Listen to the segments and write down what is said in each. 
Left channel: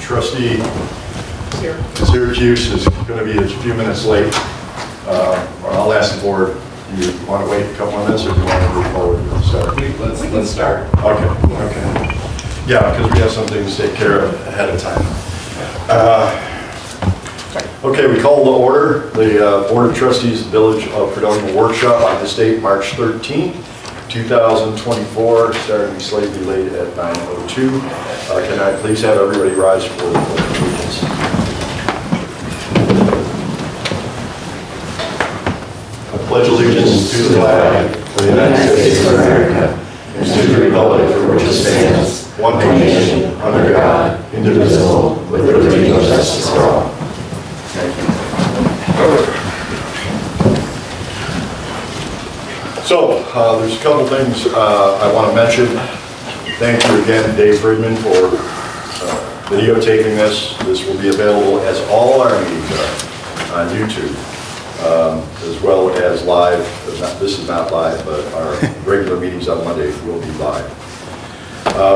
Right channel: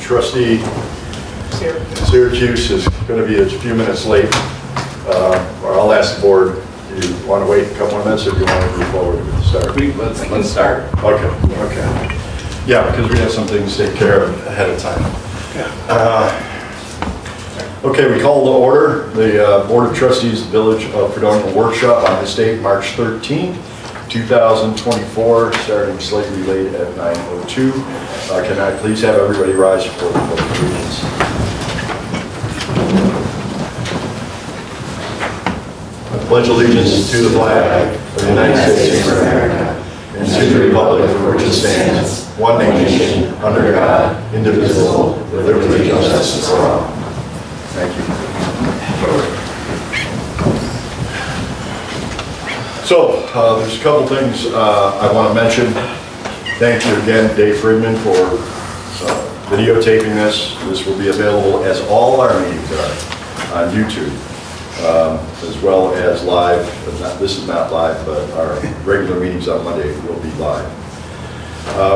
Trustee Syracuse is going to be a few minutes late. I'll ask the board, do you want to wait a couple of minutes or do you want to move forward with the start? Let's start. Okay. Yeah, because we have some things to take care of ahead of time. Okay, we call to order the Board of Trustees of the Village of Fredonia workshop on this date, March 13th, 2024, starting slightly late at 9:02. Can I please have everybody rise for the Pledge of Allegiance? I pledge allegiance to the flag of the United States of America and to the republic for which it stands, one nation, under God, indivisible, with liberty and justice for all. Thank you. So, there's a couple things I want to mention. Thank you again, Dave Friedman, for videotaping this. This will be available, as all our meetings are, on YouTube, as well as live. This is not live, but our regular meetings on Monday will be live.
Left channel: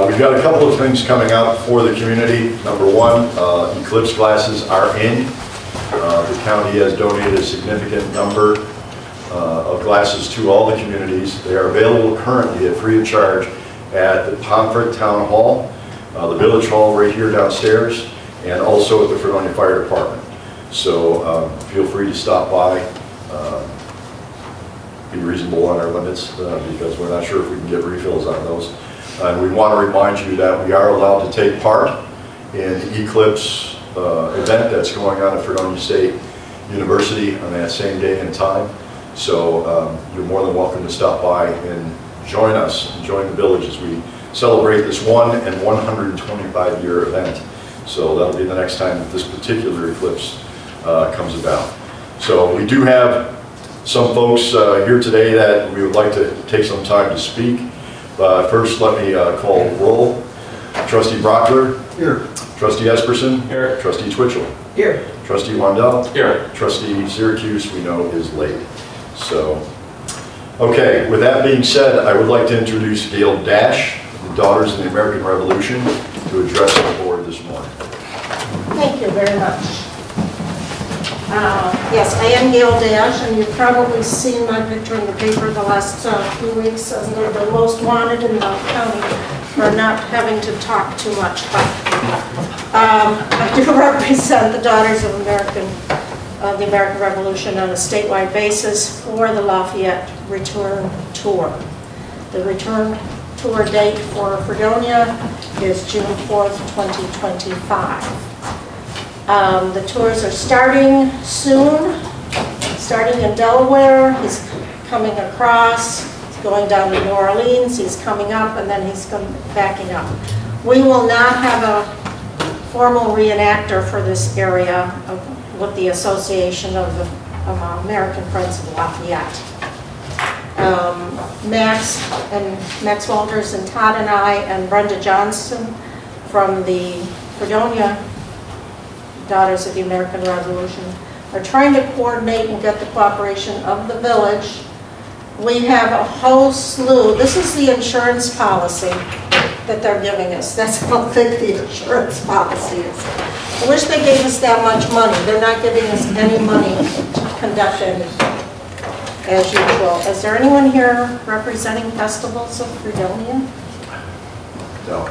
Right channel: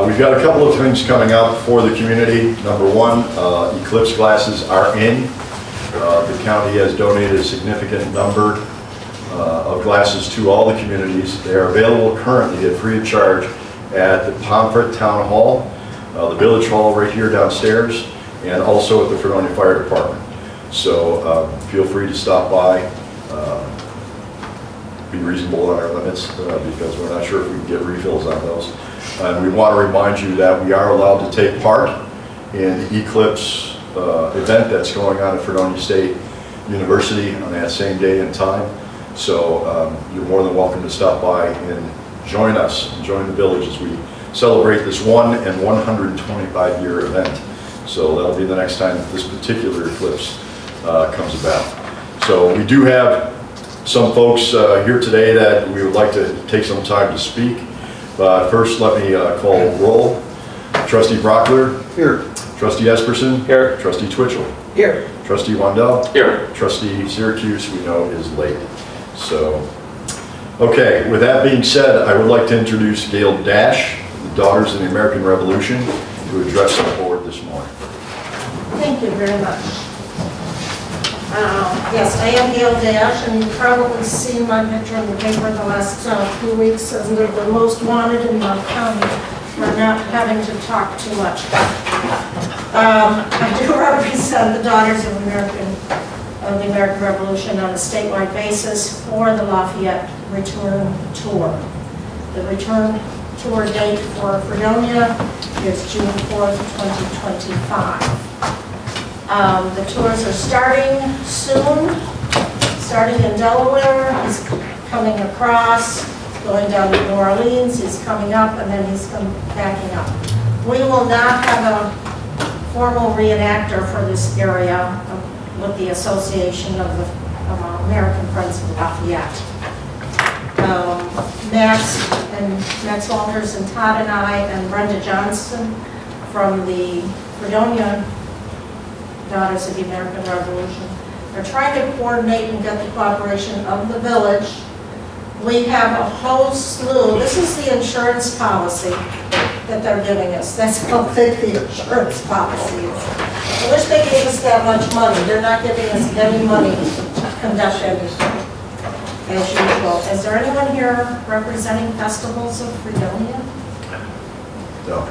We've got a couple of things coming up for the community. Number one, eclipse glasses are in. The county has donated a significant number of glasses to all the communities. They are available currently at free of charge at the Pomfret Town Hall, the Village Hall right here downstairs, and also at the Fredonia Fire Department. So feel free to stop by, be reasonable on our limits because we're not sure if we can get refills on those. And we want to remind you that we are allowed to take part in the eclipse event that's going on at Fredonia State University on that same day and time. So you're more than welcome to stop by and join us, join the village as we celebrate this 125-year event. So that'll be the next time that this particular eclipse comes about. So we do have some folks here today that we would like to take some time to speak. But first, let me call roll. Trustee Brockler. Here. Trustee Esperson. Here. Trustee Twitchell. Here. Trustee Wandell. Here. Trustee Syracuse, we know, is late. So, okay, with that being said, I would like to introduce Gail Dash, the Daughters of the American Revolution, to address the board this morning. Thank you very much. Yes, I am Gail Dash, and you've probably seen my picture in the paper the last few weeks as the most wanted in the county for not having to talk too much. I do represent the Daughters of the American Revolution on a statewide basis for the Lafayette Return Tour. The return tour date for Fredonia is June 4th, 2025. The tours are starting soon, starting in Delaware. He's coming across, he's going down to New Orleans, he's coming up, and then he's backing up. We will not have a formal reenactor for this area with the Association of the American Friends of Lafayette. Max Walters and Todd and I and Brenda Johnson from the Fredonia Daughters of the American Revolution are trying to coordinate and get the cooperation of the village. We have a whole slew. This is the insurance policy that they're giving us. That's how thick the insurance policy is. I wish they gave us that much money. They're not giving us any money to conduct it as usual. Is there anyone here representing Festivals of Fredonia? No.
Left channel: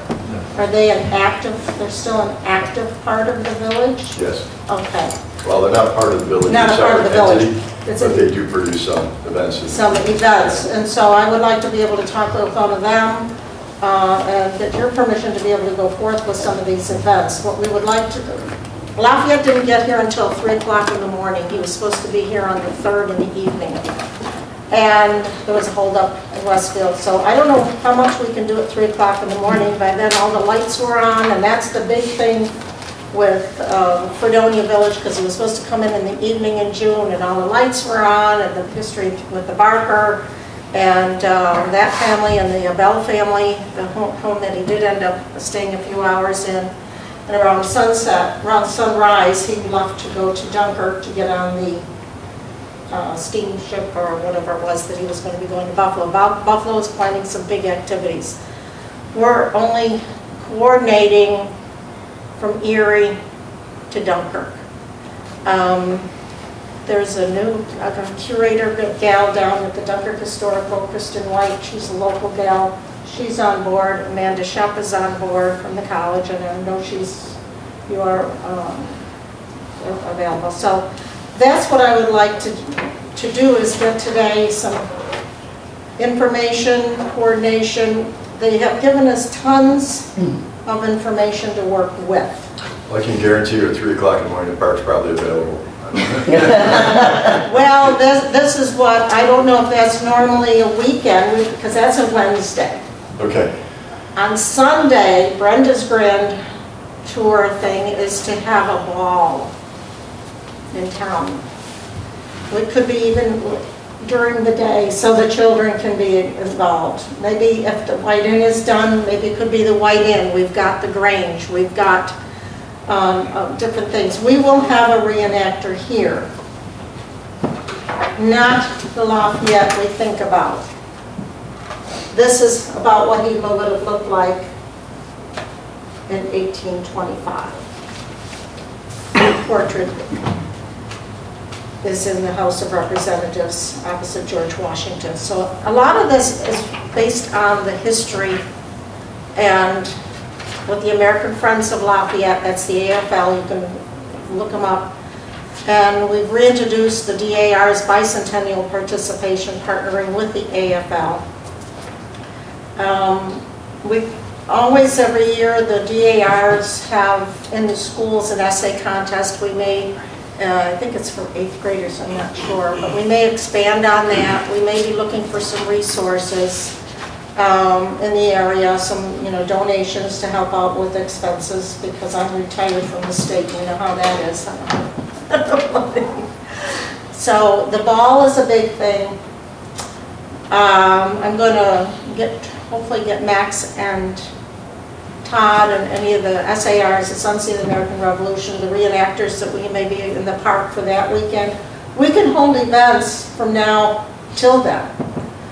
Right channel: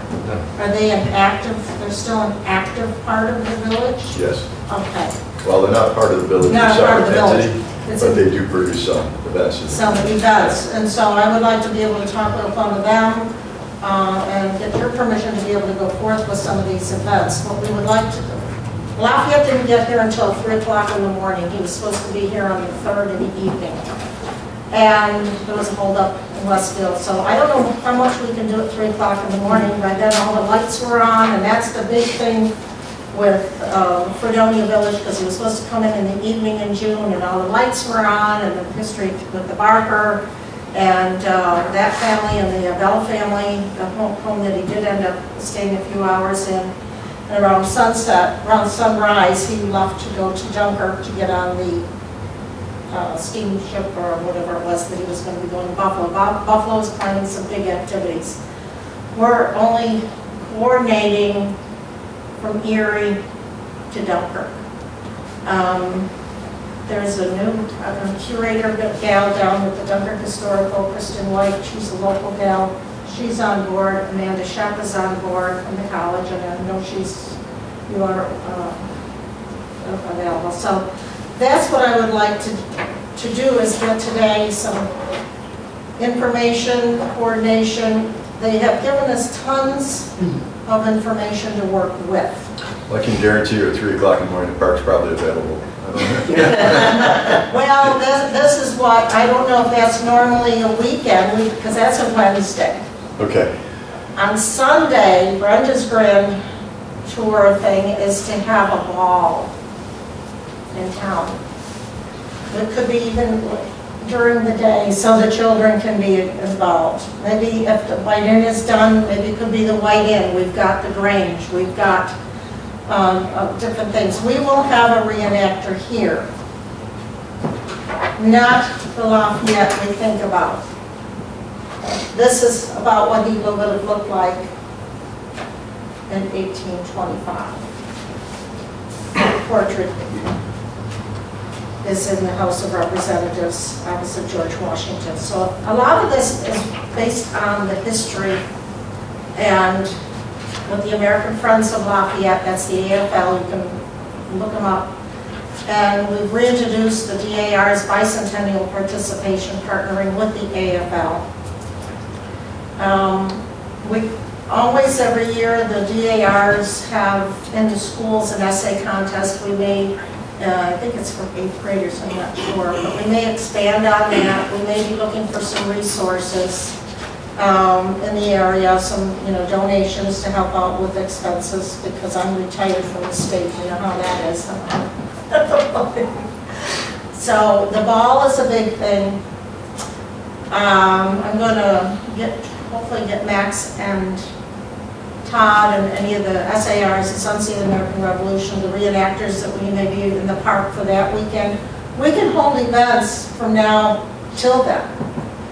Are they they're still an active part of the village? Yes. Okay. Well, they're not part of the village. Not a part of the village. But they do produce some events. Some events. And so I would like to be able to talk with one of them and get your permission to be able to go forth with some of these events. What we would like to do. Lafayette didn't get here until 3 o'clock in the morning. He was supposed to be here on the 3rd in the evening. And there was a holdup in Westfield. So I don't know how much we can do at 3 o'clock in the morning. By then all the lights were on, and that's the big thing with Fredonia Village, because he was supposed to come in the evening in June, and all the lights were on, and the history with the Barker, and that family, and the Bell family, the home that he did end up staying a few hours in. And around sunset, around sunrise, he left to go to Dunkirk to get on the steamship or whatever it was that he was going to be going to Buffalo. Buffalo is planning some big activities. We're only coordinating from Erie to Dunkirk. There's a new curator gal down at the Dunkirk Historical, Kristen White. She's a local gal. She's on board. Amanda Shep is on board from the college, and I know you are available. So that's what I would like to do, is get today some information, coordination. They have given us tons of information to work with. Well, I can guarantee you at 3 o'clock in the morning, the park's probably available. Well, this is what, I don't know if that's normally a weekend, because that's a Wednesday. Okay. On Sunday, Brenda's grand tour thing is to have a ball in town. It could be even during the day, so the children can be involved. Maybe if the White Inn is done, maybe it could be the White Inn. We've got the Grange. We've got different things. We will have a reenactor here. Not the Lafayette we think about. This is about what he would have looked like in 1825. The portrait is in the House of Representatives opposite George Washington. So a lot of this is based on the history and with the American Friends of Lafayette, that's the AFL, you can look them up. And we've reintroduced the DAR's bicentennial participation, partnering with the AFL. We always, every year, the DARs have in the schools an essay contest. We may, I think it's for 8th graders, I'm not sure, but we may expand on that. We may be looking for some resources in the area, some donations to help out with expenses, because I'm retired from the state, you know how that is. So the ball is a big thing. I'm going to hopefully get Max and Todd and any of the SARs, the Sunset American Revolution, the reenactors that we may be in the park for that weekend. We can hold events from now till then.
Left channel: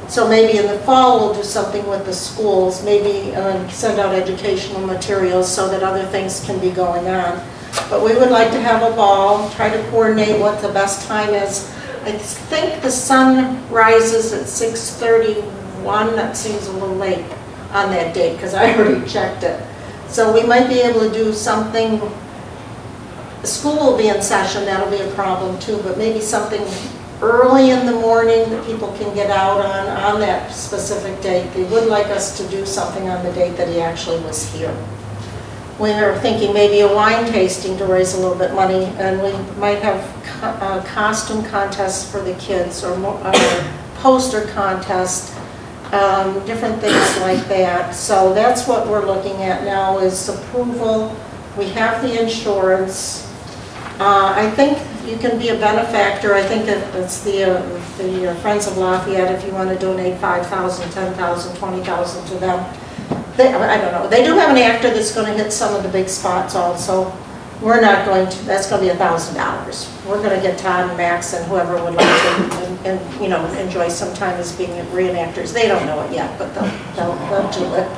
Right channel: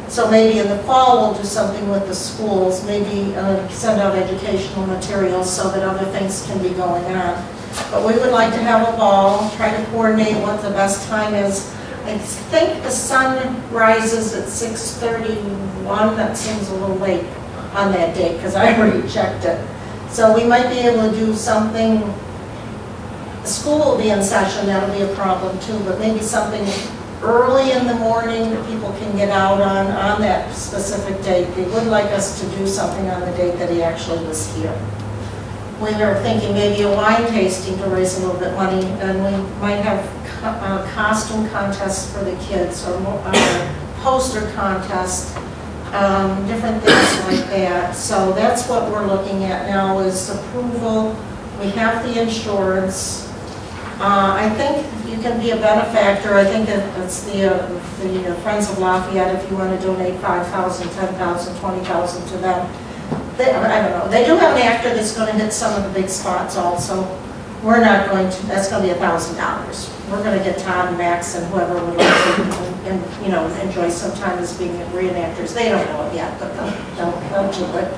So maybe in the fall we'll do something with the schools, maybe send out educational materials so that other things can be going on. But we would like to have a ball, try to coordinate what the best time is. I think the sun rises at 6:31. That seems a little late on that date because I already checked it. So we might be able to do something. The school will be in session, that'll be a problem too, but maybe something early in the morning that people can get out on that specific date. They would like us to do something on the date that he actually was here. We were thinking maybe a wine tasting to raise a little bit of money, and we might have costume contests for the kids, or poster contest, different things like that. So that's what we're looking at now, is approval. We have the insurance. I think you can be a benefactor. I think it's the Friends of Lafayette, if you want to donate 5,000, 10,000, 20,000 to them. I don't know. They do have an actor that's going to hit some of the big spots also. We're not going to, that's going to be $1,000. We're going to get Todd and Max and whoever would like to enjoy some time as being reenactors. They don't know it yet, but they'll do it.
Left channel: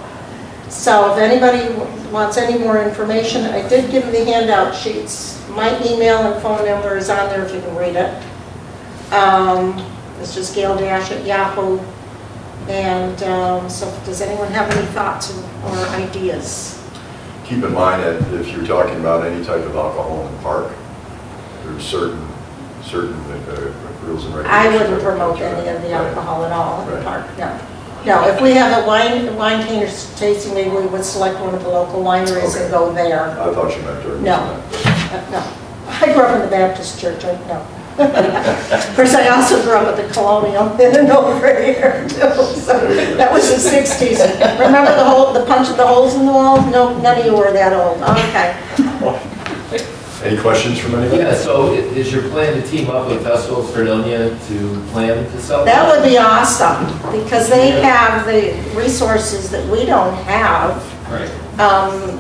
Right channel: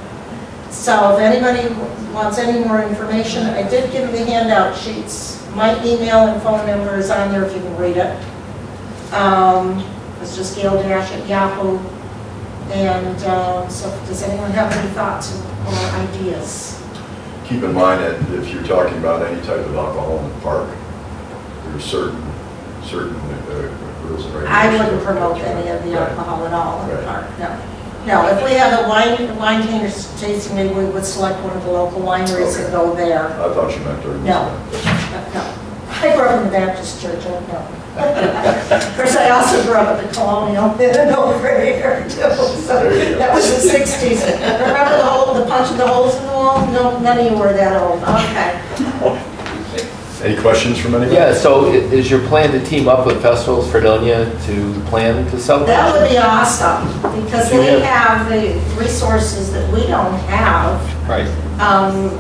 So if anybody wants any more information, I did give them the handout sheets. My email and phone number is on there if you can read it. It's just gail-at yahoo. And so does anyone have any thoughts or ideas? Keep in mind that if you're talking about any type of alcohol in the park, there's certain rules and regulations. I wouldn't promote any of the alcohol at all in the park, no. No, if we have a wine tasting, maybe we would select one of the local wineries that go there. I thought you meant during no. I grew up in the Baptist church, no. Of course, I also grew up at the Colonial and over here too. So that was the 60s. Remember the punch of the holes in the wall? No, none of you were that old. Okay. Any questions from anybody? Yeah, so is your plan to team up with Festivals Fredonia to plan to sell? That would be awesome, because they have the resources that we don't have. Right.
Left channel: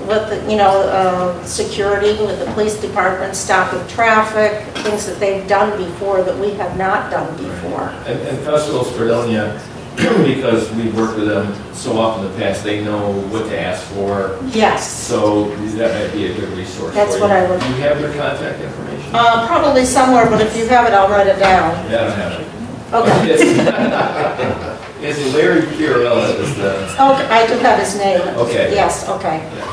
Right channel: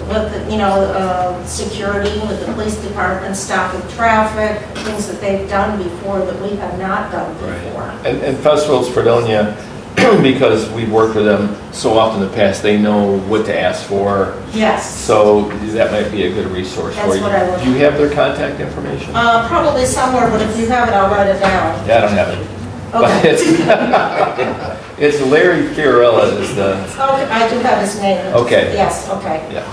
With the, security, with the police department stopping traffic, things that they've done before that we have not done before. Right. And Festivals Fredonia because we've worked with them so often in the past, they know what to ask for. Yes. So that might be a good resource for you. That's what I would. Do you have their contact information? Probably somewhere, but if you have it, I'll write it down. Yeah, I don't have it. Okay. It's Larry Fiorella is the... Okay, I do have his name. Okay. Yes, okay. Yeah.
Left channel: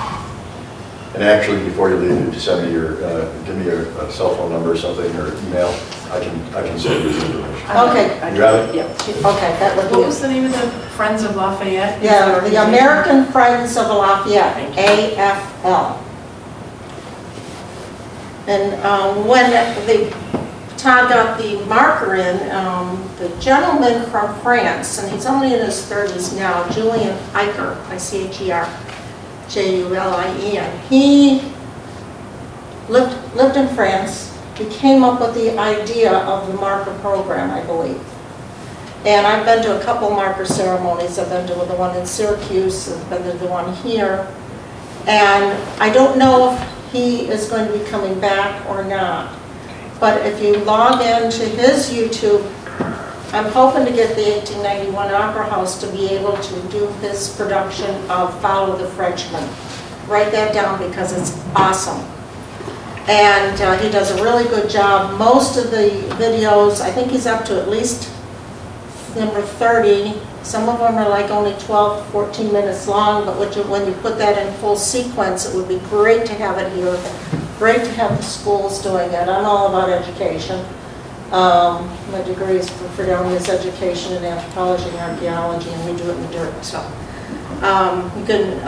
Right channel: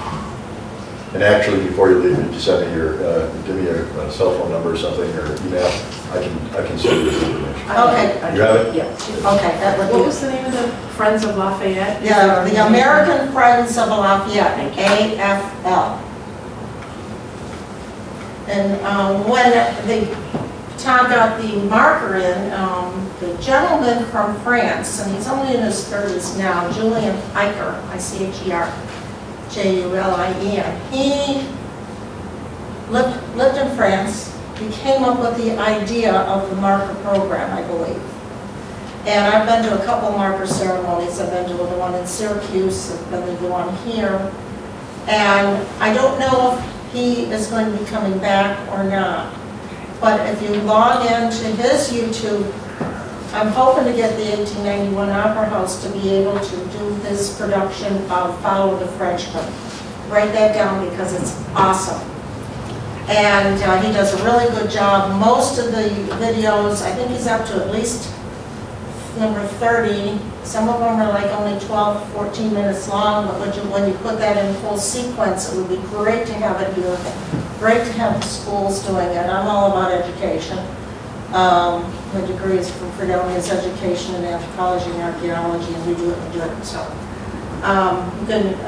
And actually, before you leave, you send me your, give me a cell phone number or something, or email. I can send you the information. Okay. You have it? Yeah. Okay, that would be. What was the name of the Friends of Lafayette? Yeah, the American Friends of Lafayette, AFL. And when Todd got the marker in, the gentleman from France, and he's only in his 30s now, Julian Eicher, I-C-H-E-R-J-U-L-I-E-N, he lived in France. He came up with the idea of the marker program, I believe. And I've been to a couple marker ceremonies. I've been to the one in Syracuse, I've been to the one here. And I don't know if he is going to be coming back or not. But if you log into his YouTube, I'm hoping to get the 1891 Opera House to be able to do his production of Follow the Frenchman. Write that down because it's awesome. And he does a really good job. Most of the videos, I think he's up to at least number 30. Some of them are like only 12, 14 minutes long, but when you put that in full sequence, it would be great to have it here. Great to have the schools doing it. I'm all about education. My degree is from Fredonia's education in anthropology and archaeology, and we do it in the dirt. So you can,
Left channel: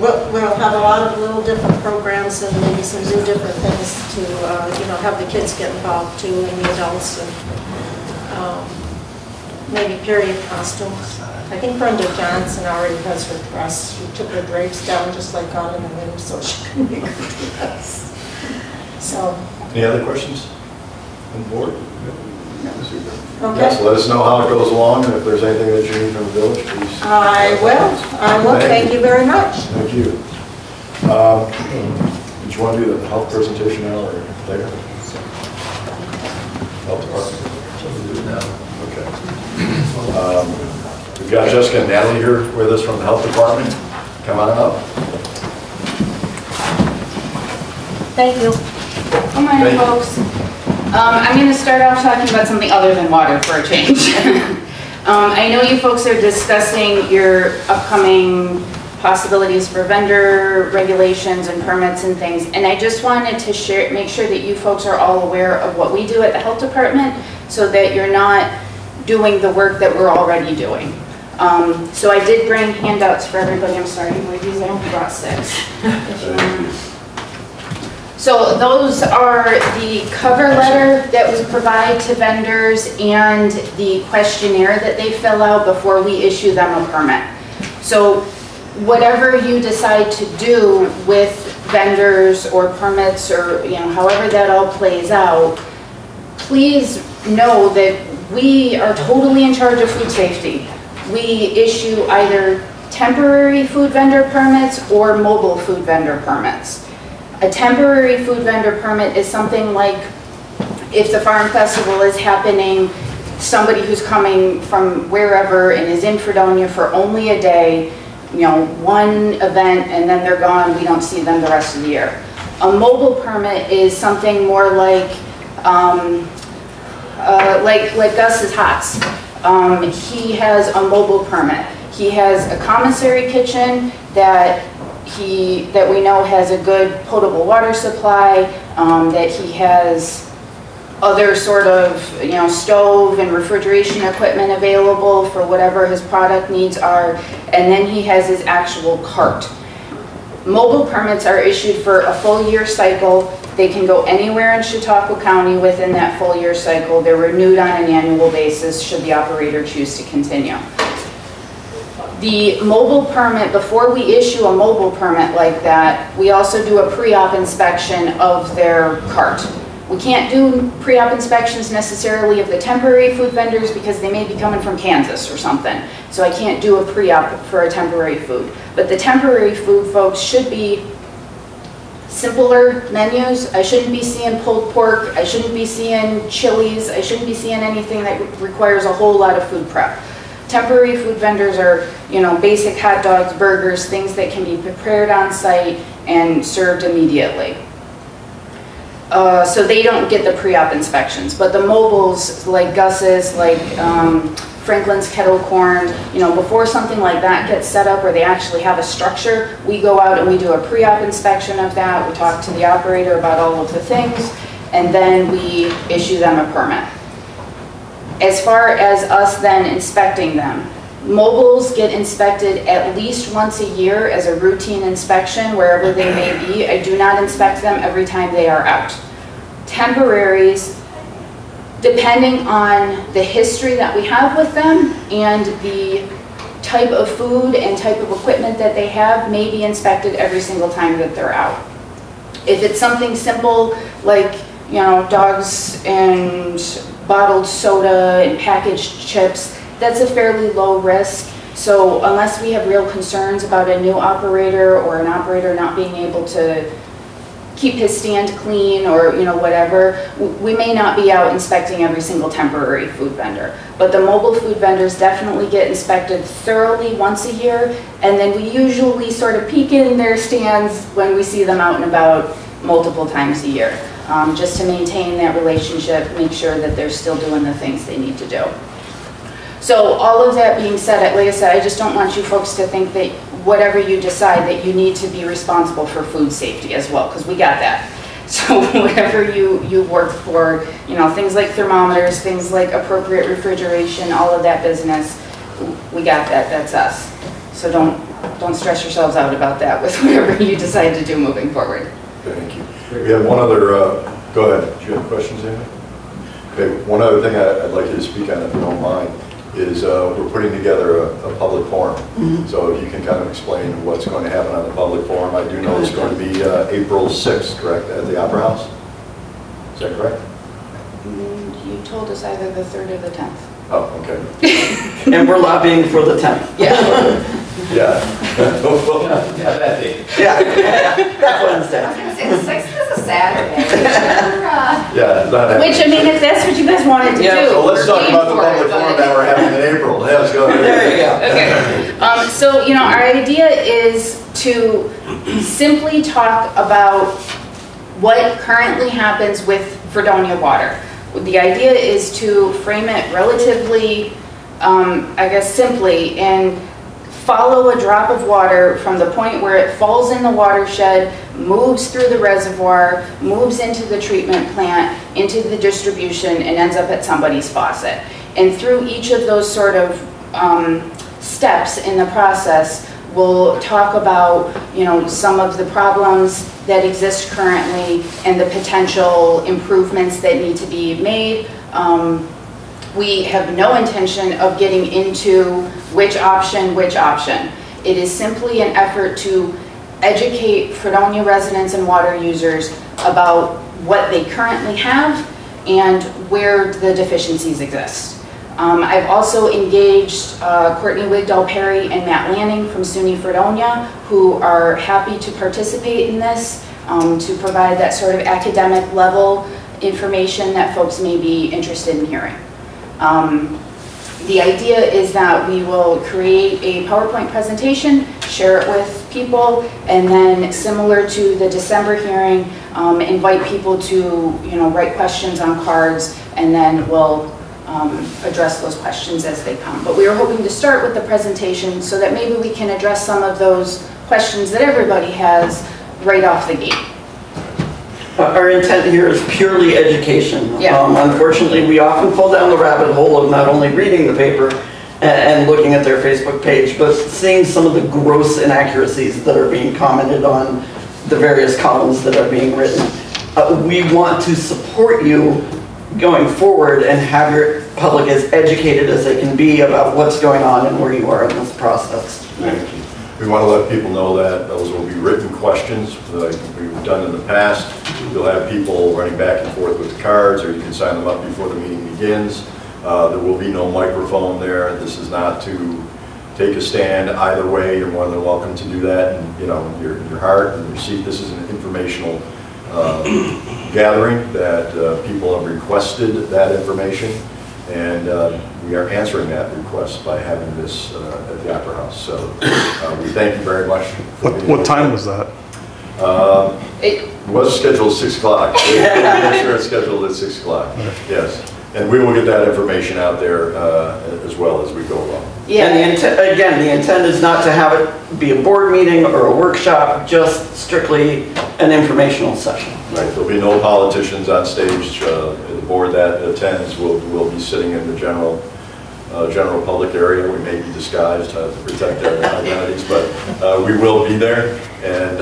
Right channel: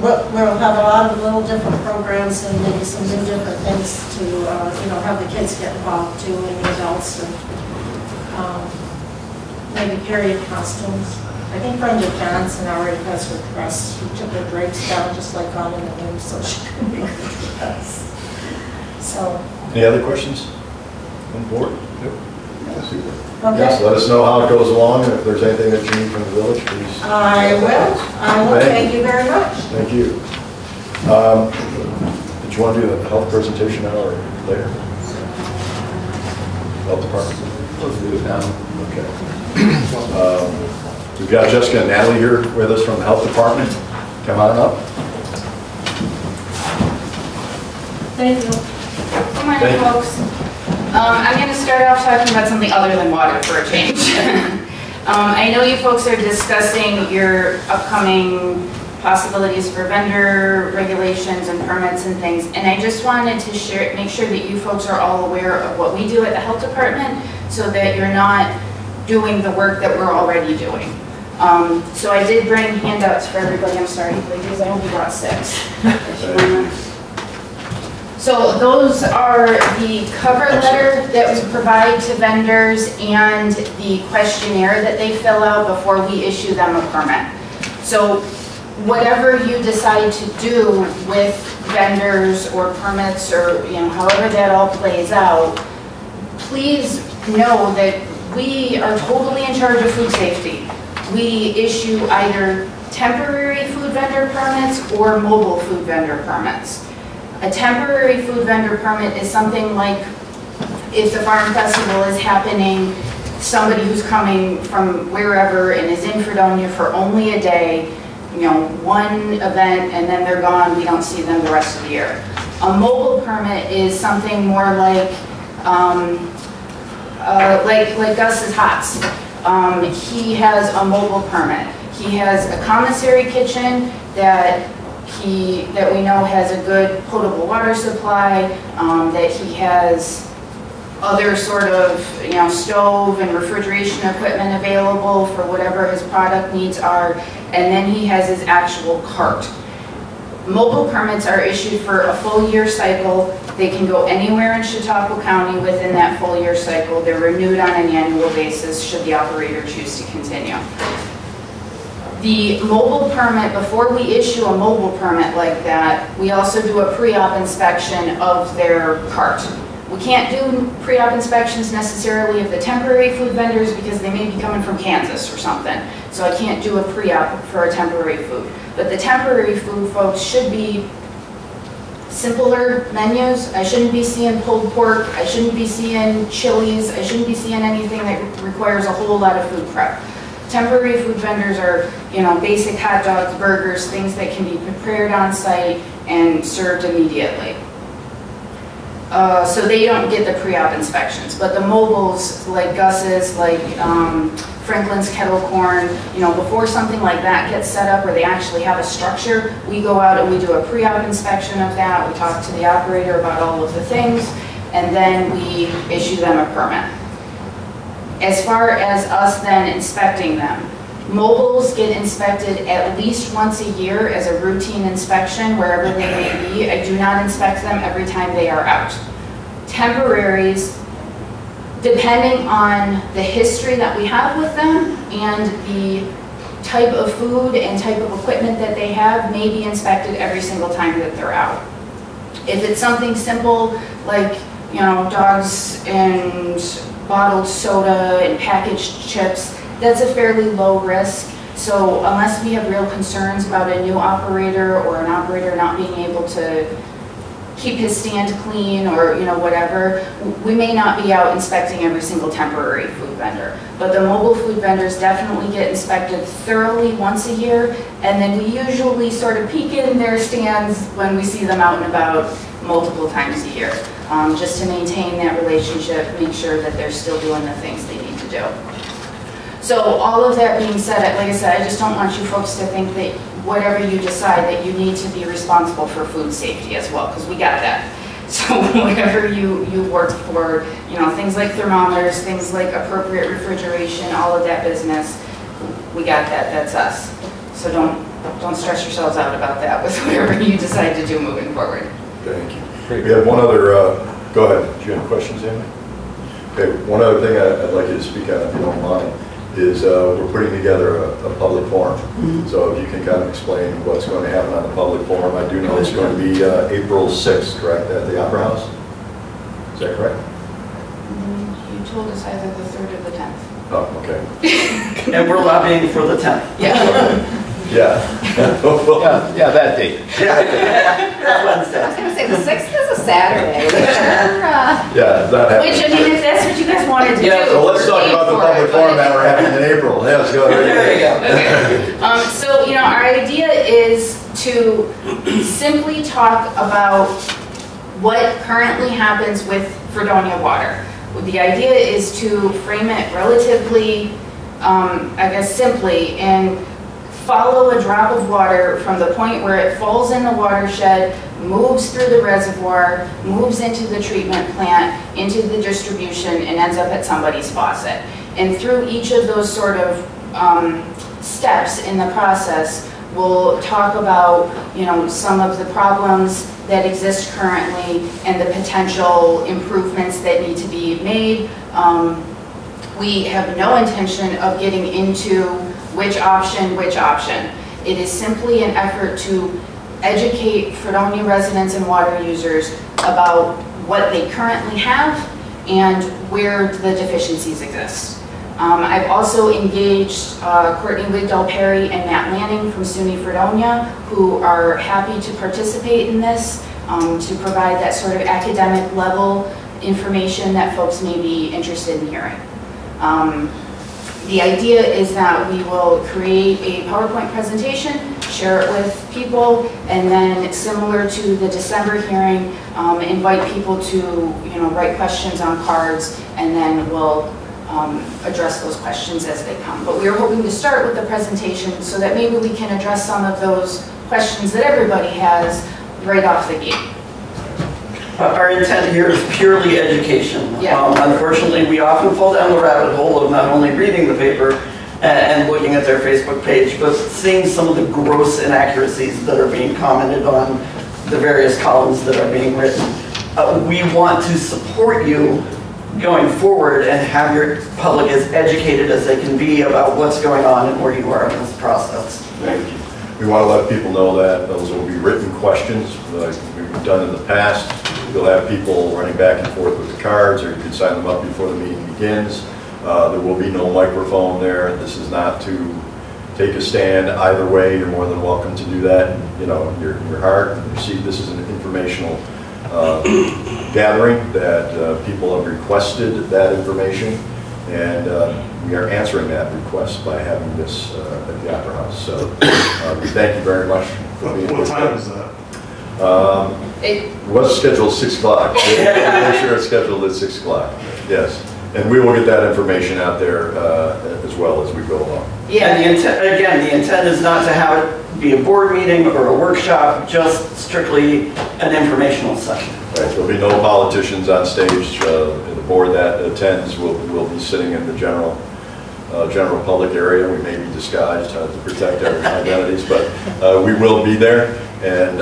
we'll have a lot of little different programs and maybe some new different things to have the kids get involved too, and the adults, and maybe period costumes. I think Brenda Johnson already has her dress. She took her drapes down just like on in the room so she can make her dress. So. Any other questions on board? Okay. Yes, let us know how it goes along, and if there's anything that you need from the village, please. I will. Thank you very much. Thank you. Did you want to do the health presentation now or later? Health department? Let's do it now. Okay. We've got Jessica and Natalie here with us from the health department. Come on up. Thank you. Good morning, folks. I'm going to start off talking about something other than water for a change. I know you folks are discussing your upcoming possibilities for vendor regulations and permits and things, and I just wanted to make sure that you folks are all aware of what we do at the health department so that you're not doing the work that we're already doing. So I did bring handouts for everybody. I'm sorry, ladies, I only brought 6. So those are the cover letter that we provide to vendors and the questionnaire that they fill out before we issue them a permit. So whatever you decide to do with vendors or permits or however that all plays out, please know that we are totally in charge of food safety. We issue either temporary food vendor permits or mobile food vendor permits. A temporary food vendor permit is something like if the farm festival is happening, somebody who's coming from wherever and is in Fredonia for only a day, one event and then they're gone, we don't see them the rest of the year. A mobile permit is something more like Gus's Hots. He has a mobile permit. He has a commissary kitchen that we know has a good potable water supply, that he has other sort of stove and refrigeration equipment available for whatever his product needs are, and then he has his actual cart. Mobile permits are issued for a full year cycle. They can go anywhere in Chautauqua County within that full year cycle. They're renewed on an annual basis should the operator choose to continue. The mobile permit, before we issue a mobile permit like that, we also do a pre-op inspection of their cart. We can't do pre-op inspections necessarily of the temporary food vendors because they may be coming from Kansas or something. So I can't do a pre-op for a temporary food. But the temporary food folks should be simpler menus. I shouldn't be seeing pulled pork. I shouldn't be seeing chilies. I shouldn't be seeing anything that requires a whole lot of food prep. Temporary food vendors are, you know, basic hot dogs, burgers, things that can be prepared on site and served immediately. So they don't get the pre-op inspections, but the mobiles like Gus's, like Franklin's Kettle Corn, you know, before something like that gets set up or they actually have a structure, we go out and we do a pre-op inspection of that. We talk to the operator about all of the things, and then we issue them a permit. As far as us then inspecting them, mobiles get inspected at least once a year as a routine inspection wherever they may be. I do not inspect them every time they are out. Temporaries, depending on the history that we have with them and the type of food and type of equipment that they have, may be inspected every single time that they're out. If it's something simple like, you know, dogs and bottled soda and packaged chips, that's a fairly low risk. So unless we have real concerns about a new operator or an operator not being able to keep his stand clean or, you know, whatever, we may not be out inspecting every single temporary food vendor. But the mobile food vendors definitely get inspected thoroughly once a year, and then we usually sort of peek in their stands when we see them out and about multiple times a year, just to maintain that relationship, make sure that they're still doing the things they need to do. So all of that being said, like I said, I just don't want you folks to think that whatever you decide that you need to be responsible for food safety as well, because we got that. So whatever you work for, you know, things like thermometers, things like appropriate refrigeration, all of that business, we got that, that's us. So don't stress yourselves out about that with whatever you decide to do moving forward. Thank you. We have one other, go ahead, do you have questions, Amy? Okay, one other thing I'd like you to speak on, if you don't mind, is we're putting together a public forum. Mm-hmm. So if you can kind of explain what's going to happen on the public forum. I do know it's going to be April 6th, correct, at the Opera House? Is that correct? You told us either the 3rd or the 10th. Oh, okay. And we're lobbying for the 10th. Yeah. Yeah. Yeah, that date. Yeah, that's Wednesday. I was going to say the 6th is a Saturday. Yeah, it's not happening. Which, I mean, if that's what you guys wanted to do. So let's talk about the public forum that we're having in April. Yeah, let's go. There you go. Okay. So, you know, our idea is to simply talk about what currently happens with Fredonia water. The idea is to frame it relatively, I guess, simply, and follow a drop of water from the point where it falls in the watershed, moves through the reservoir, moves into the treatment plant, into the distribution, and ends up at somebody's faucet. And through each of those sort of steps in the process, we'll talk about, you know, some of the problems that exist currently and the potential improvements that need to be made. We have no intention of getting into which option. It is simply an effort to educate Fredonia residents and water users about what they currently have and where the deficiencies exist. I've also engaged Courtney Wigdall Perry and Matt Lanning from SUNY Fredonia, who are happy to participate in this, to provide that sort of academic level information that folks may be interested in hearing. The idea is that we will create a PowerPoint presentation, share it with people, and then similar to the December hearing, invite people to, you know, write questions on cards, and then we'll address those questions as they come. But we are hoping to start with the presentation so that maybe we can address some of those questions that everybody has right off the gate. Our intent here is purely education. Yeah. Unfortunately, we often fall down the rabbit hole of not only reading the paper and looking at their Facebook page, but seeing some of the gross inaccuracies that are being commented on the various columns that are being written. We want to support you going forward and have your public as educated as they can be about what's going on and where you are in this process. Thank you. We want to let people know that those will be written questions like we've done in the past. You'll have people running back and forth with the cards, or you can sign them up before the meeting begins. There will be no microphone there. This is not to take a stand either way, you're more than welcome to do that. And, you know, your heart and your seat. This is an informational gathering that people have requested that information, and we are answering that request by having this at the Opera House. So we thank you very much for being here. What time is that? It was scheduled 6 o'clock. Make sure it's scheduled at 6 o'clock. Yes. And we will get that information out there as well as we go along. Yeah, and the intent is not to have it be a board meeting or a workshop, just strictly an informational session. Right, there'll be no politicians on stage. The board that attends will be sitting in the general public area. We may be disguised to protect our identities, but we will be there. And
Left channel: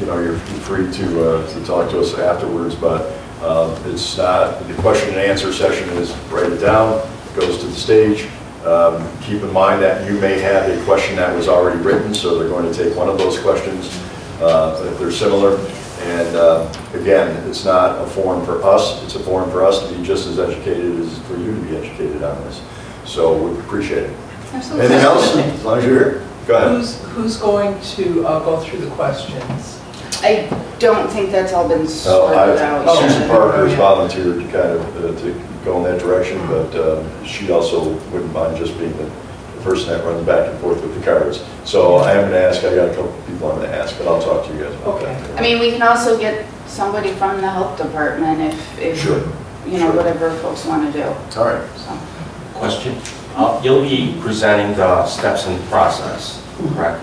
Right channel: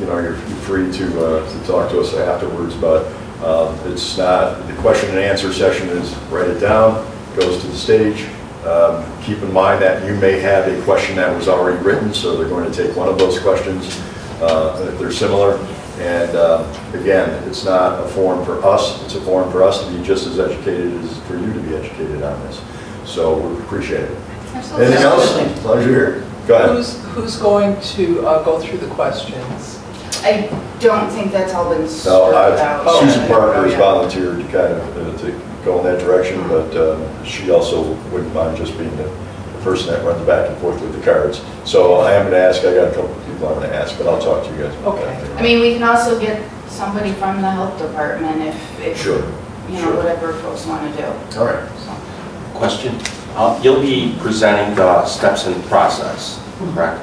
you know, you're free to talk to us afterwards. But it's not, the question and answer session is write it down, goes to the stage. Keep in mind that you may have a question that was already written, so they're going to take one of those questions if they're similar. And again, it's not a forum for us, it's a forum for us to be just as educated as for you to be educated on this. So we appreciate it. Absolutely. Anything else? As long as you're here. Go ahead. Who's going to go through the questions? I don't think that's all been sorted out. Susan Parker has volunteered to kind of to go in that direction, but she also wouldn't mind just being the person that runs back and forth with the cards. So I am going to ask, I got a couple of people I'm going to ask, but I'll talk to you guys about that. I mean, we can also get somebody from the health department if Sure. you know, Sure. whatever folks want to do. All right. So. Question. You'll be presenting the steps in the process, correct?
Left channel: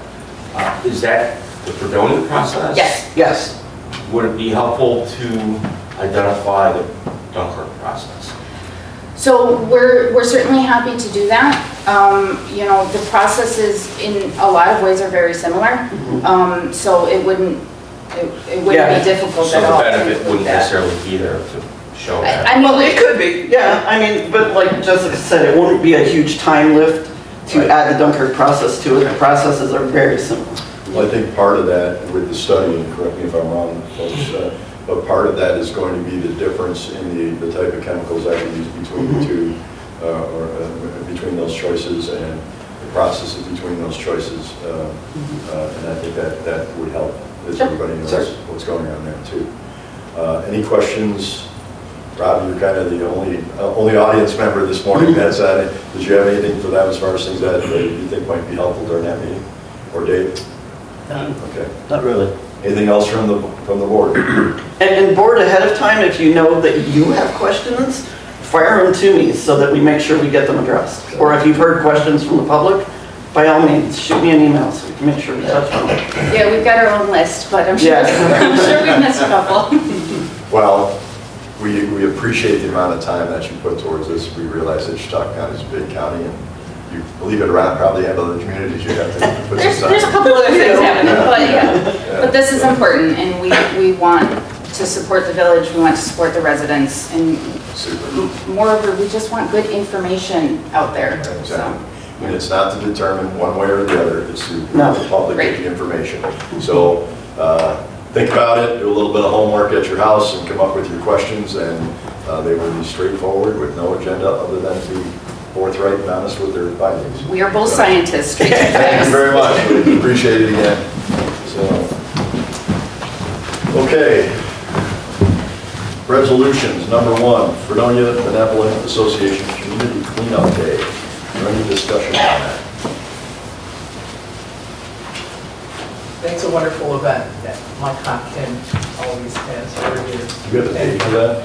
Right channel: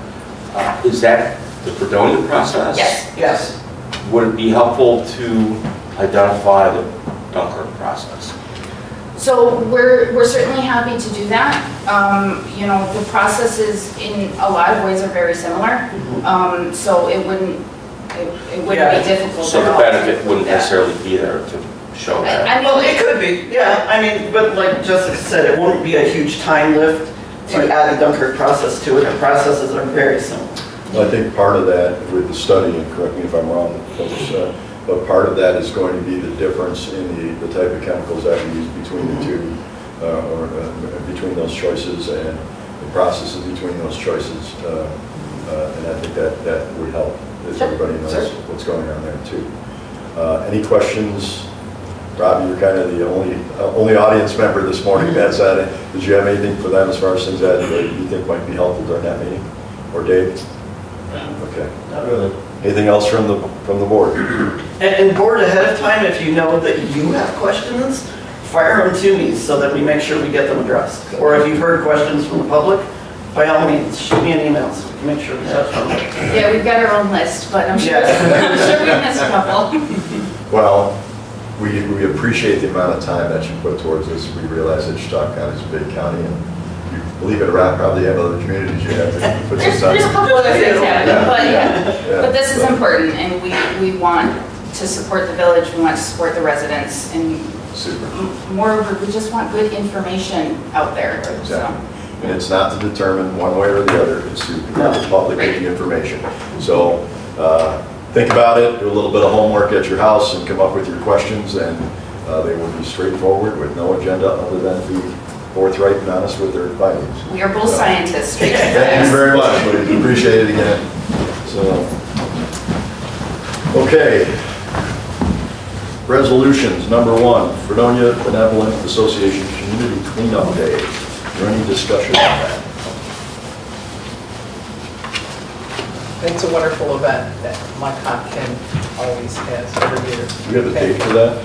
Is that the Fredonia process? Yes. Yes. Would it be helpful to identify the Dunkirk process? So we're certainly happy to do that. You know, the processes in a lot of ways are very similar. So it wouldn't be difficult So at the all. benefit wouldn't necessarily be there to show that? I mean, Well, it could be, yeah. I mean, but like Jessica said, it wouldn't be a huge time lift to add the Dunkirk process to it. The processes are very similar. Well, I think part of that with the study, and correct me if I'm wrong, folks, but part of that is going to be the difference in the type of chemicals that we use between the two, or between those choices, and the processes between those choices. And I think that would help, as everybody knows what's going on there too. Any questions? Robbie, you're kind of the only audience member this morning that's at it. Did you have anything for them as far as things that you think might be helpful during that meeting? Or Dave? Okay. Not really. Anything else from the board? And board, ahead of time, if you know that you have questions, fire them to me so that we make sure we get them addressed. Or if you've heard questions from the public, by all means, shoot me an email so we can make sure we touch on it. yeah, we've got our own list, but I'm sure, Yeah. I'm sure we missed a couple. Well, we appreciate the amount of time that you put towards this. We realize that Chautauqua County is a big county, and you believe it or not, probably have other communities you have to put some time. There's a couple other things happening, but Yeah. but this is important, and we want to support the village, we want to support the residents, and Super. moreover, we just want good information out there. Right, So, exactly. And it's not to determine one way or the other, it's to let the public get the information. So think about it, do a little bit of homework at your house and come up with your questions, and they will be straightforward with no agenda other than to be forthright and honest with their findings. we are both scientists, straight to Thank facts. you very much, we appreciate it again. So, okay. Resolutions, number 1, Fredonia Benevolent Association Community Cleanup Day. Is there any discussion on that? It's a wonderful event that my Ken always has every year. You have the date for that?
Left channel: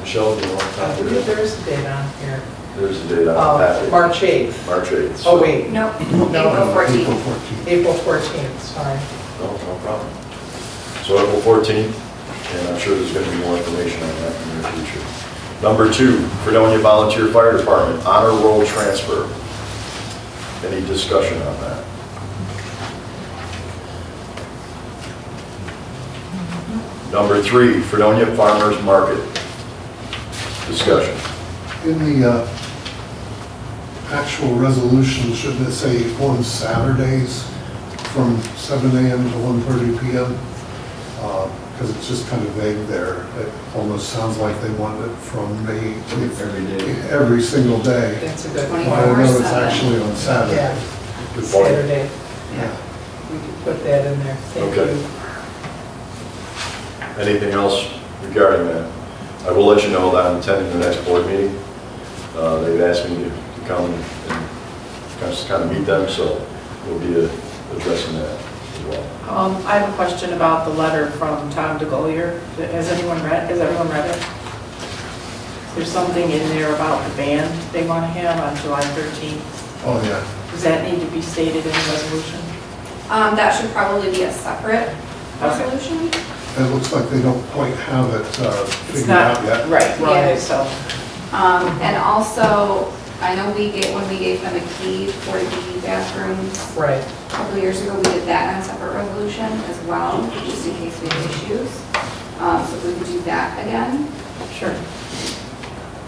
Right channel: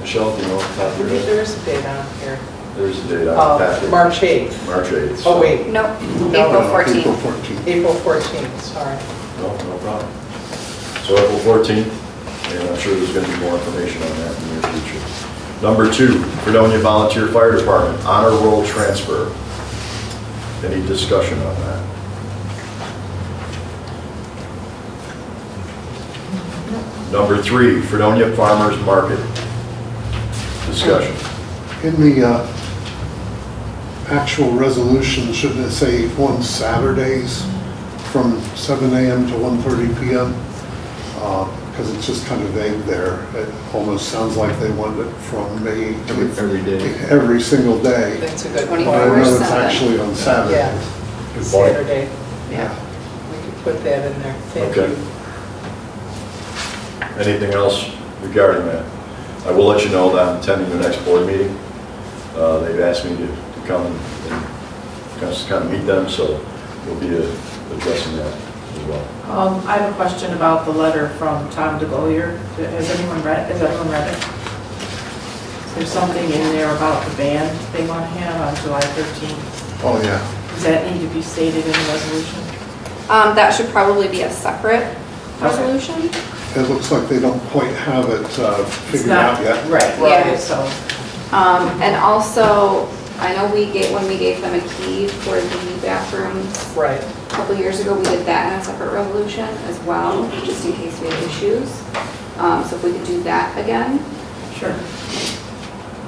Michelle, do you know what I time believe it is? there is a date on here. There's a date on the packet. March 8th. March 8th. Oh, wait, No, No. April 14th. April 14th. April 14th, sorry. No problem. So April 14th, and I'm sure there's going to be more information on that in the near future. Number 2, Fredonia Volunteer Fire Department Honor Roll Transfer. Any discussion on that? Number 3, Fredonia Farmers Market. Discussion. In the actual resolution, shouldn't it say on Saturdays from 7 a.m. to 1:30 p.m.? because it's just kind of vague there. It almost sounds like they want it from May Every day. every single day. That's a good 24 point. But I know it's 7. actually on Saturdays. Yeah. Good point. Saturday, Yeah. we could put that in there. Thank Okay. you. Anything else regarding that? I will let you know that I'm attending the next board meeting. They've asked me to come and just kind of meet them, so we'll be addressing that as well. I have a question about the letter from Tom DeGolier. Has anyone read it? There's something in there about the band they want to have on July 13th. Oh, yeah. Does that need to be stated in the resolution? That should probably be a separate resolution. It looks like they don't quite have it It's figured not, out yet. right, Yeah. so. And also, I know when we gave them a key for the bathrooms Right. a couple of years ago, we did that in a separate resolution as well, just in case we had issues. So if we could do that again, Sure.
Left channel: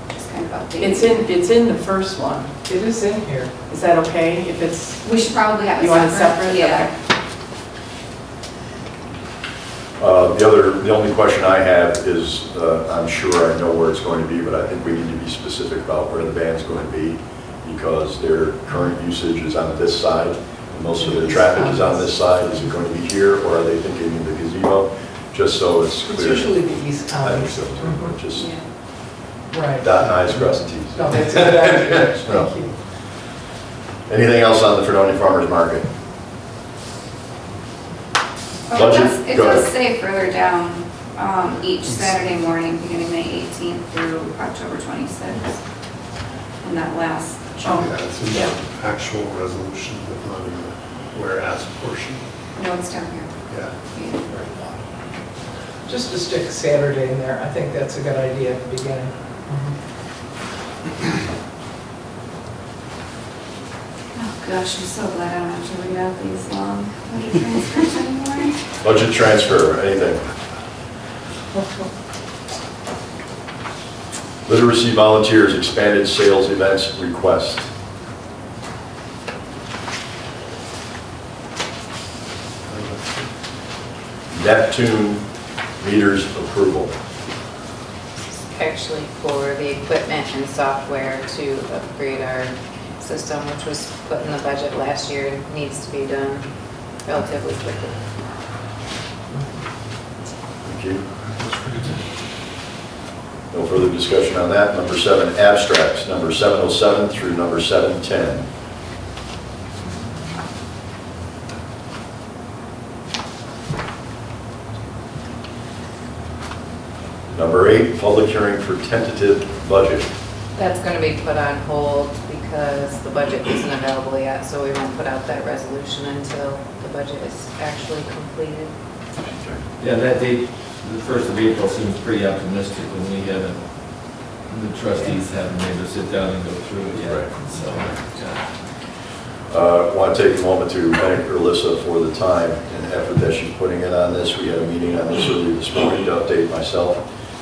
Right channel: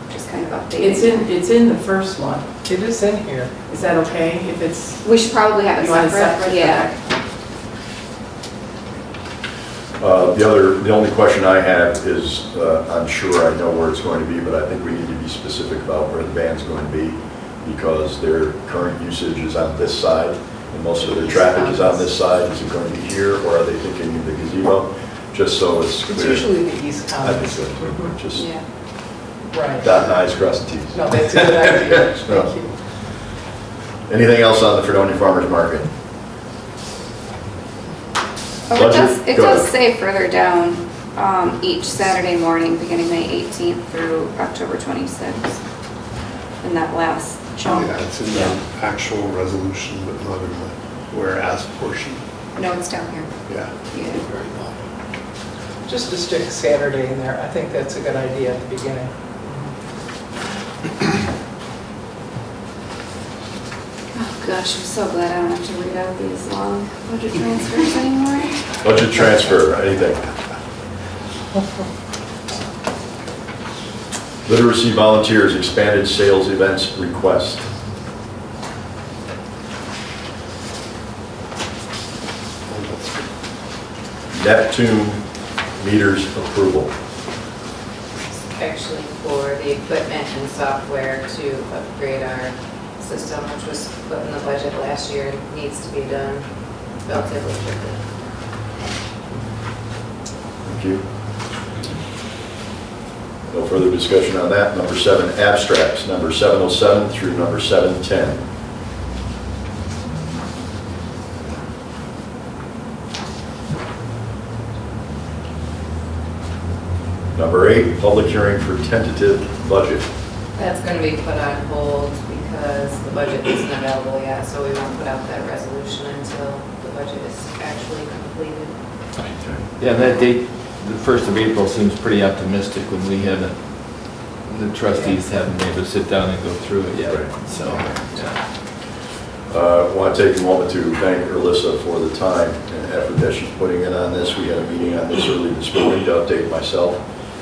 just kind of updating. It's in the first one. It is in here. Is that okay if it's, We should probably have it you want it separate. separate? Yeah. The only question I have is, I'm sure I know where it's going to be, but I think we need to be specific about where the band's going to be, because their current usage is on this side, and most of their traffic is on this side. Is it going to be here, or are they thinking of the gazebo? Just so it's It's clear. usually the East I County. think so. Just Yeah. Right. dot i's, cross the t's. No, that's a good idea. No. Thank you. Anything else on the Fredonia Farmers Market? Oh, Budget? it Go does ahead. say further down, each Saturday morning, beginning May 18th through October 26th, in that last Oh, chunk. yeah, it's in the actual resolution, but not in the whereas portion. No, it's down here. Yeah. Yeah. Very long. Just to stick Saturday in there, I think that's a good idea at the beginning. Oh gosh, I'm so glad I don't have to read out these long budget transfers anymore. Budget transfer, anything? Literacy volunteers, expanded sales events request. Neptune meters approval. Actually for the equipment and software to upgrade our system, which was put in the budget last year, needs to be done relatively quickly. Thank you. No further discussion on that. Number 7, abstracts, number 707 through number 710. Number 8, public hearing for tentative budget. That's going to be put on hold because the budget isn't available yet, so we won't put out that resolution until the budget is actually completed. Yeah, that date, the 1st of April seems pretty optimistic when we had the trustees haven't been able to sit down and go through it yet. Right. So, yeah. I want to take a moment to thank Alyssa for the time and effort that she's putting in on this. We had a meeting on this early this morning to update myself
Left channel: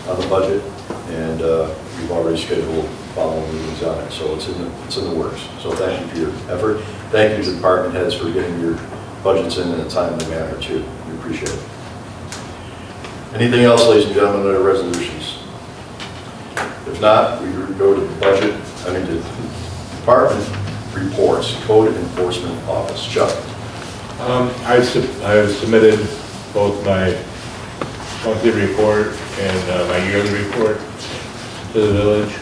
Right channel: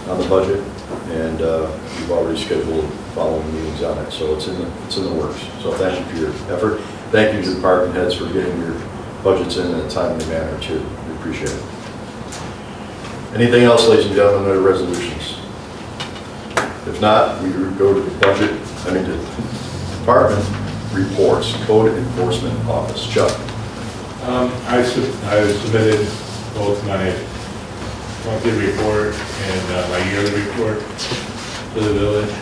on the budget, and we've already scheduled following meetings on it, so it's in the works. So thank you for your effort. Thank you to the department heads for getting your budgets in a timely manner too. We appreciate it. Anything else, ladies and gentlemen, under resolutions? If not, we go to the department reports, Code Enforcement Office. Chuck. I submitted both my monthly report and my yearly report to the village.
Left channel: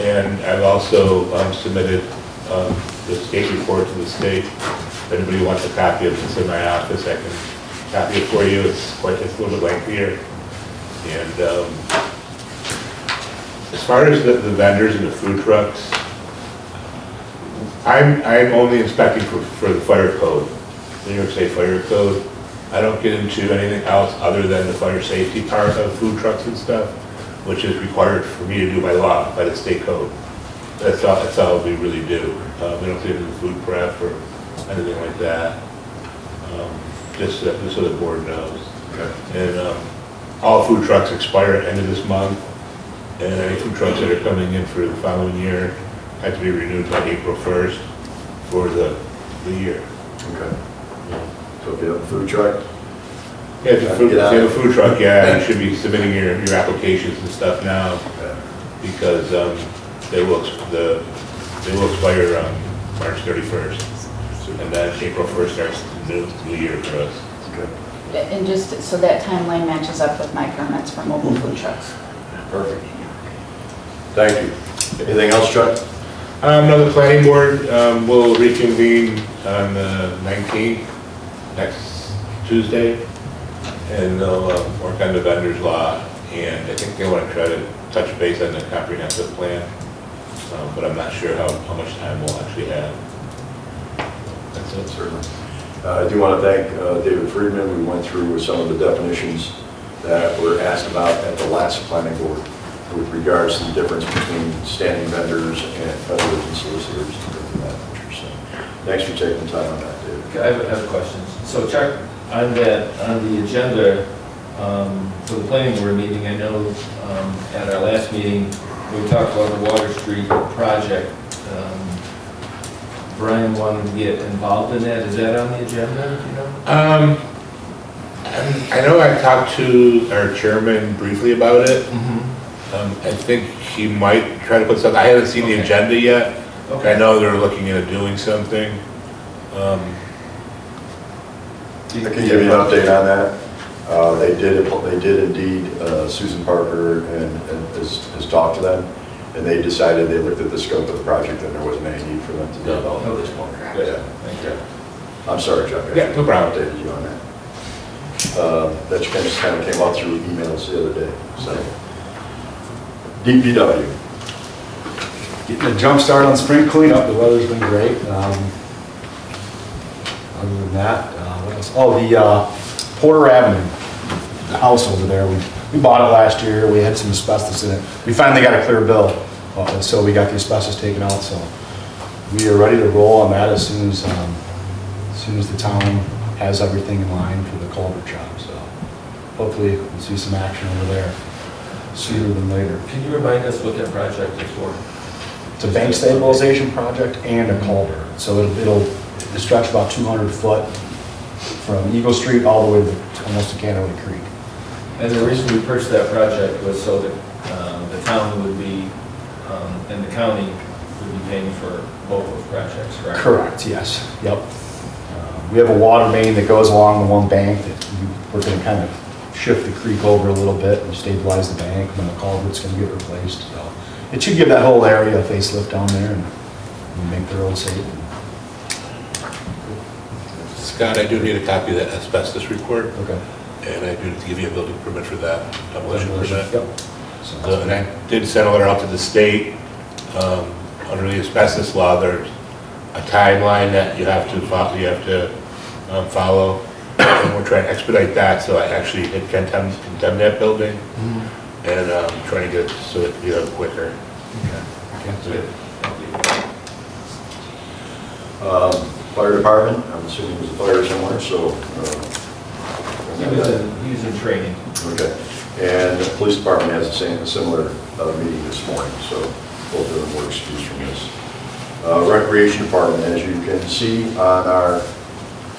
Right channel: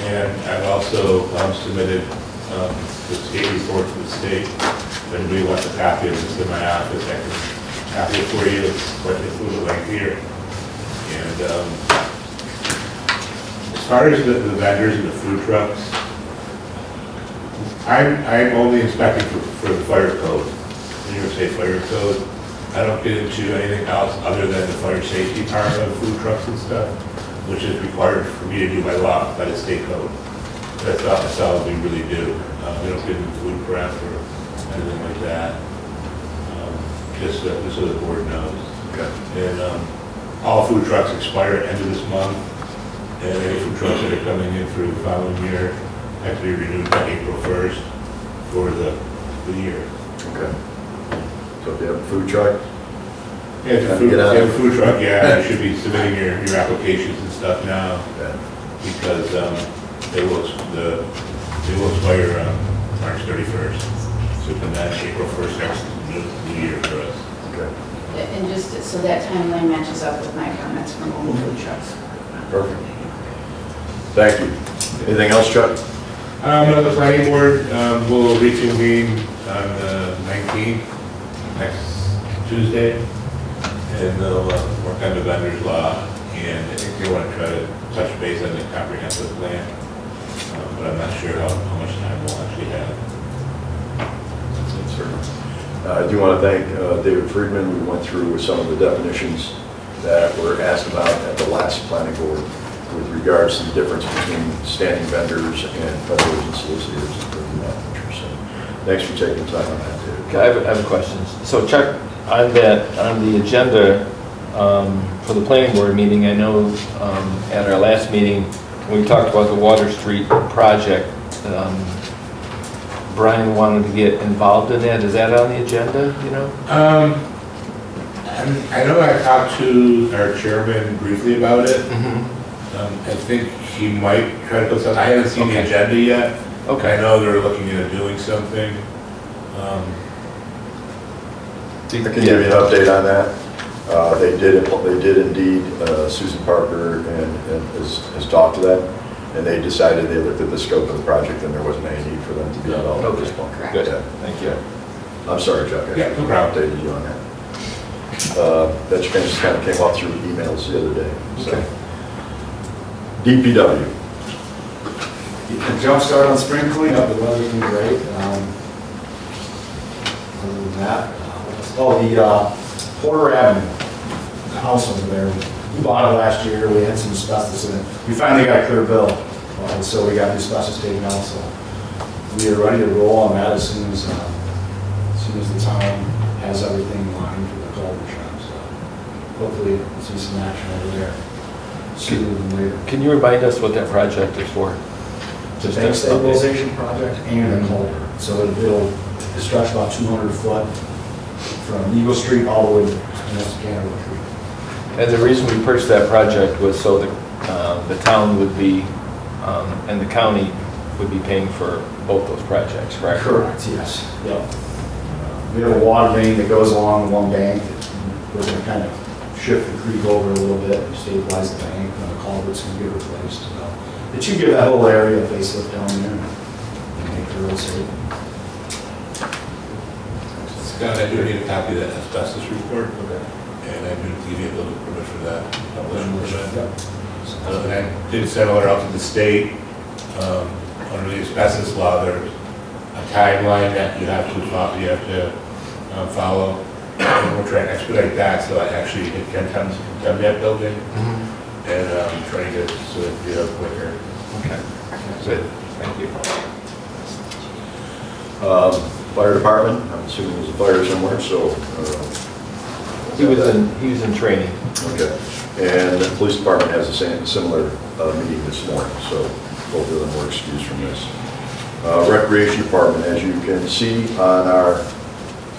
And I've also submitted the state report to the state. If anybody wants a copy of it, it's in my office. I can copy it for you. It's a little bit lengthier. And as far as the vendors and the food trucks, I'm only inspecting for the fire code, the New York State Fire Code. I don't get into anything else other than the fire safety part of food trucks and stuff, which is required for me to do by law, by the state code. That's all we really do. We don't get into food prep or anything like that. Just so the board knows. Okay. And all food trucks expire at the end of this month, and any food trucks that are coming in for the following year have to be renewed by April 1st for the year. Okay. So if you have a food truck, Yeah, if you have a food truck, yeah, you should be submitting your applications and stuff now, because they will expire March 31st. And then April 1st starts the new year for us. Okay. And just so that timeline matches up with my comments for mobile food trucks. Perfect. Thank you. Anything else, Chuck? No, the planning board will reconvene on the 19th, next Tuesday, and they'll work on the vendor's law, and I think they want to try to touch base on the comprehensive plan, but I'm not sure how much time we'll actually have. That's it, certainly. I do want to thank David Friedman. We went through some of the definitions that were asked about at the last planning board with regards to the difference between standing vendors and vendors and solicitors and things of that nature. So thanks for taking the time on that, David. Okay, I have questions. So Chuck, on the agenda for the planning board meeting, I know at our last meeting, we talked about the Water Street project. Brian wanted to get involved in that. Is that on the agenda, you know? I know I talked to our chairman briefly about it. I think he might try to put something. I haven't seen the agenda yet. Okay. I know they're looking into doing something. I can give you an update on that. They did indeed. Susan Parker and has talked to them, and they decided, they looked at the scope of the project, and there wasn't any need for them to be involved at this point. Correct. Good. Yeah. Thank you. I'm sorry, Chuck. Yeah, no problem. Updated you on that. That just kind of came up through emails the other day. So, DPW. Getting a jump start on spring cleanup. The weather's been great. Other than that, the Porter Avenue, the house over there, we bought it last year. We had some asbestos in it. We finally got a clear bill, so we got the asbestos taken out. So we are ready to roll on that as soon as the town has everything in line for the culvert job. So hopefully we'll see some action over there sooner than later. Can you remind us what that project is for? It's a bank stabilization project and a culvert. So it'll stretch about 200 foot from Eagle Street all the way to Canada Creek. And the reason we purchased that project was so that the town would be, and the county would be paying for both those projects, correct? Correct, yes. Yep. We have a water main that goes along one bank that we're going to kind of shift the creek over a little bit and stabilize the bank, and the culvert's going to get replaced. So it should give that whole area a facelift down there and make the road safe. Scott, I do need a copy of that asbestos report. Okay. And I do give you a building permit for that, demolition permit. Yep. And I did send a letter out to the state. Under the asbestos law, there's a timeline that you have to follow. And we're trying to expedite that, so I actually did condemn that building. And trying to get it so it'd be quicker. Okay. Good. Thank you. Fire department, I'm assuming there's a fire somewhere, so. He was in training. Okay. And the police department has a similar meeting this morning, so both of them were excused from this. Recreation department, as you can see on our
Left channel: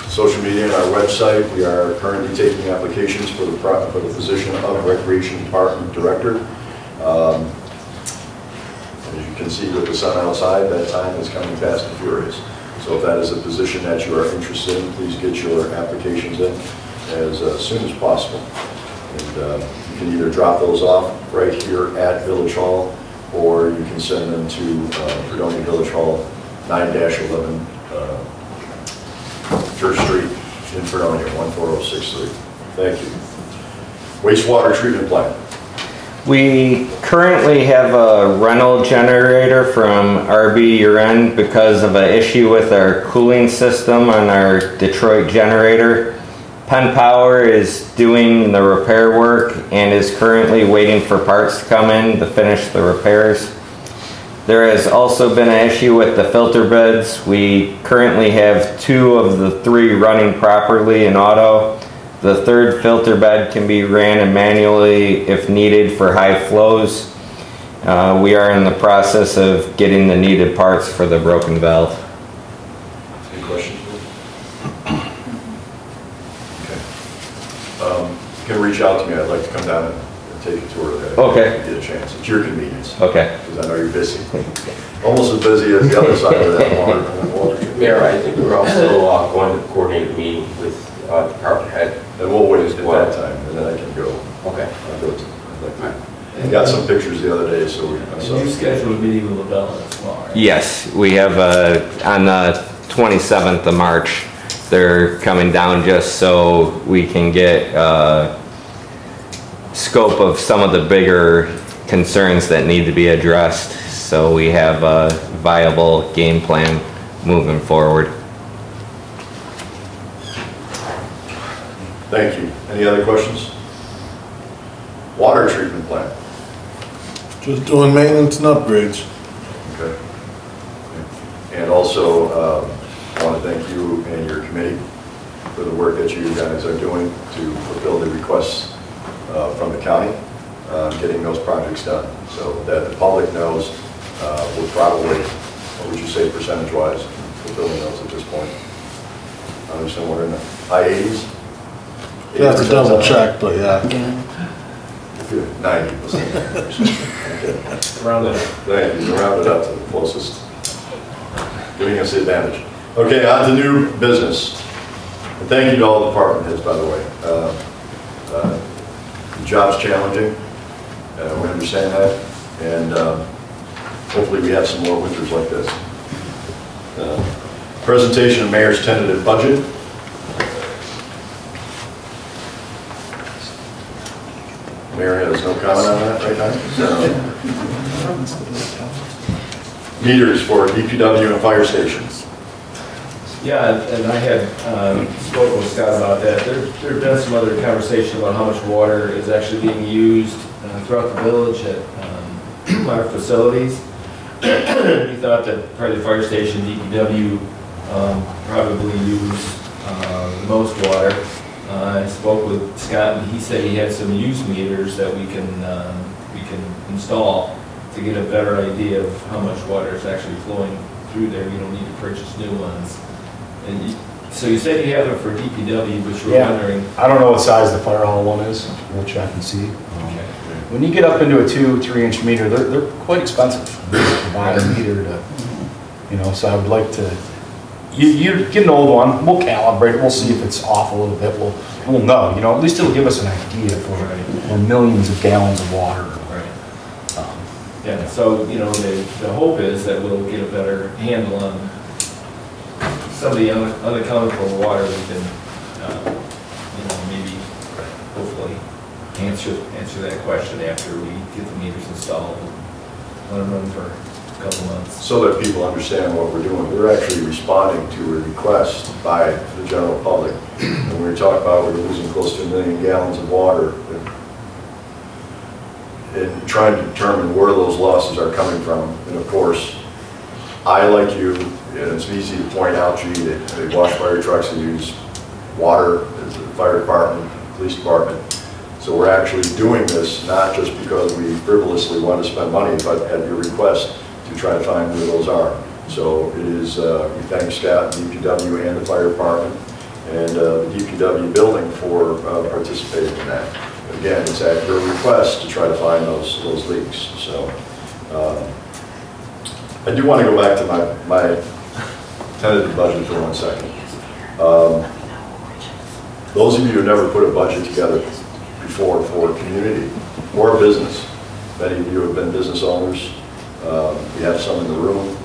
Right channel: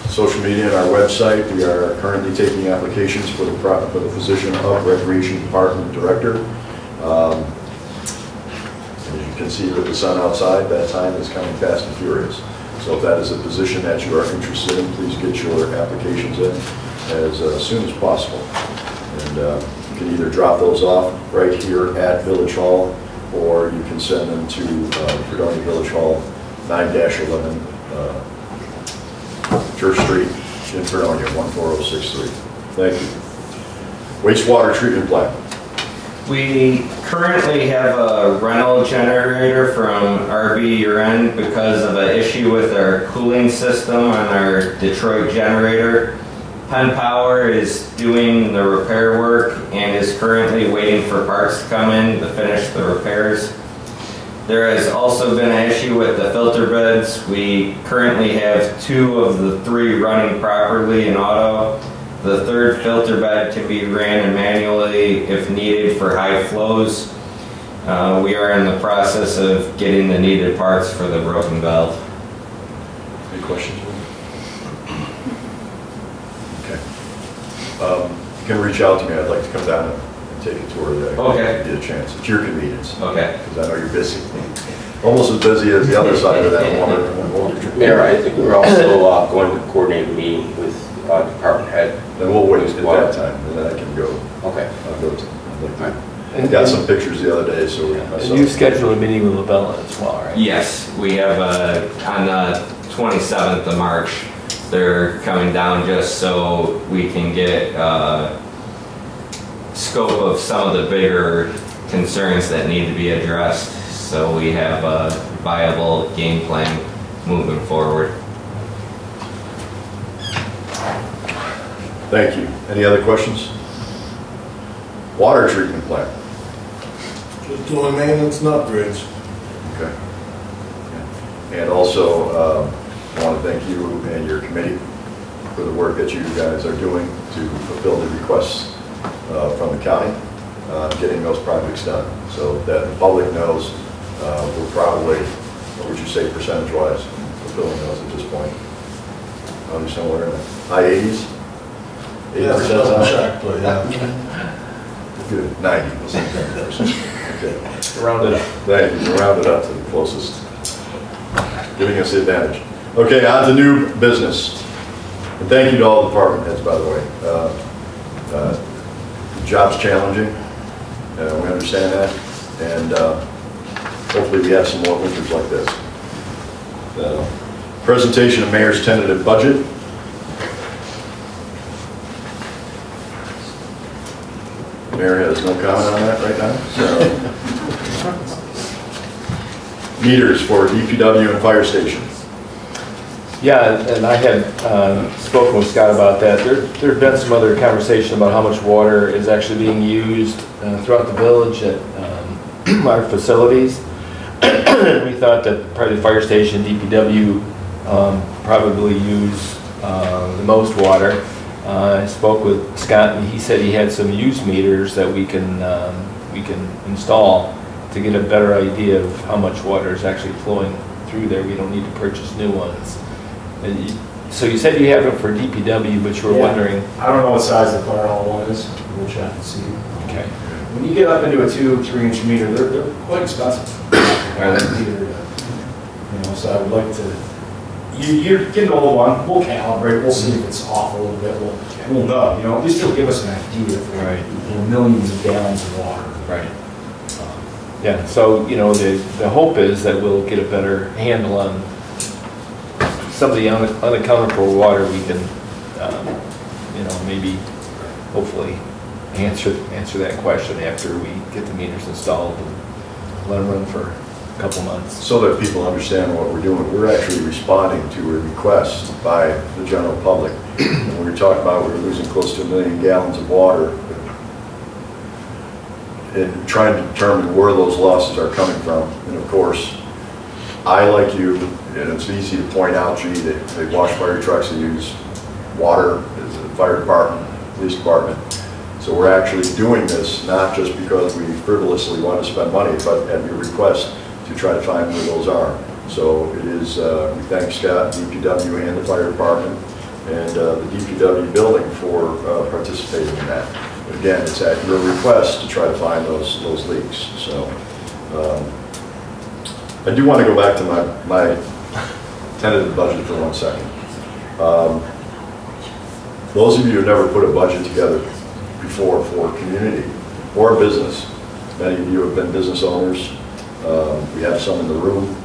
social media and our website, we are currently taking applications for the position of recreation department director. As you can see with the sun outside, that time is coming fast and furious. So if that is a position that you are interested in, please get your applications in as soon as possible. And you can either drop those off right here at Village Hall, or you can send them to Fredonia Village Hall, 9-11 Church Street in Fredonia, 14063. Thank you. Wastewater treatment plant. We currently have a rental generator from RB Uren because of an issue with our cooling system on our Detroit generator. Penn Power is doing the repair work and is currently waiting for parts to come in to finish the repairs. There has also been an issue with the filter beds. We currently have 2 of the 3 running properly in auto. The 3rd filter bed can be ran manually if needed for high flows. We are in the process of getting the needed parts for the broken valve. Any questions? Okay. can reach out to me. I'd like to come down and take a tour of that. Okay. Get a chance. It's your convenience. Okay. Because I know you're busy. Almost as busy as the other side of that water. Mayor, I think we're also going to coordinate a meeting with department head. And we'll wait at that time, and then I can go. Okay. I'll go to, I got some pictures the other day, so. And you scheduled a meeting with LaBella as well, right? Yes, we have on the 27th of March. They're coming down just so we can get scope of some of the bigger concerns that need to be addressed. So we have a viable game plan moving forward. Thank you. Any other questions? Water treatment plant. Just doing maintenance and upgrades. Okay. And also, I want to thank you and your committee for the work that you guys are doing to fulfill the requests from the county, getting those projects done. So that the public knows we're probably, what would you say percentage-wise, fulfilling those at this point? I understand we're in the high 80s? Yeah, it's double check, but yeah. Good, 90, we'll say 90%. Okay. Round it up. Thank you, round it up to the closest, giving us the advantage. Okay, on to new business. And thank you to all the department heads, by the way. The job's challenging, we understand that, and hopefully we have some more winters like this. Presentation of Mayor's tentative budget. Mayor has no comment on that right now. Meters for DPW and fire stations. Yeah, and I had spoken with Scott about that. There's been some other conversation about how much water is actually being used throughout the village at our facilities. We thought that probably the fire station, DPW, probably use the most water. I spoke with Scott, and he said he had some use meters that we can install to get a better idea of how much water is actually flowing through there. We don't need to purchase new ones. And so you said you have it for DPW, but you were wondering. I don't know what size the fire hall one is. We'll check and see. Okay. When you get up into a 2-3 inch meter, they're quite expensive. So I would like to. You get an old one, we'll calibrate it, we'll see if it's off a little bit, we'll know, at least it'll give us an idea for millions of gallons of water. Right. Yeah, so, the hope is that we'll get a better handle on some of the unaccountable water we can, maybe, hopefully, answer that question after we get the meters installed and let them run for a couple months. So that people understand what we're doing. We're actually responding to a request by the general public. And we were talking about we're losing close to 1 million gallons of water and trying to determine where those losses are coming from. And of course, I, like you, and it's easy to point out, gee, they wash fire trucks and use water as the fire department, police department. So we're actually doing this not just because we frivolously want to spend money, but at your request to try to find where those are. So it is, we thank Scott, DPW, and the fire department, and the DPW building for participating in that. But again, it's at your request to try to find those leaks. So I do want to go back to my tentative budget for 1 second. Those of you who never put a budget together before for community or business, many of you have been business owners. We have some in the room.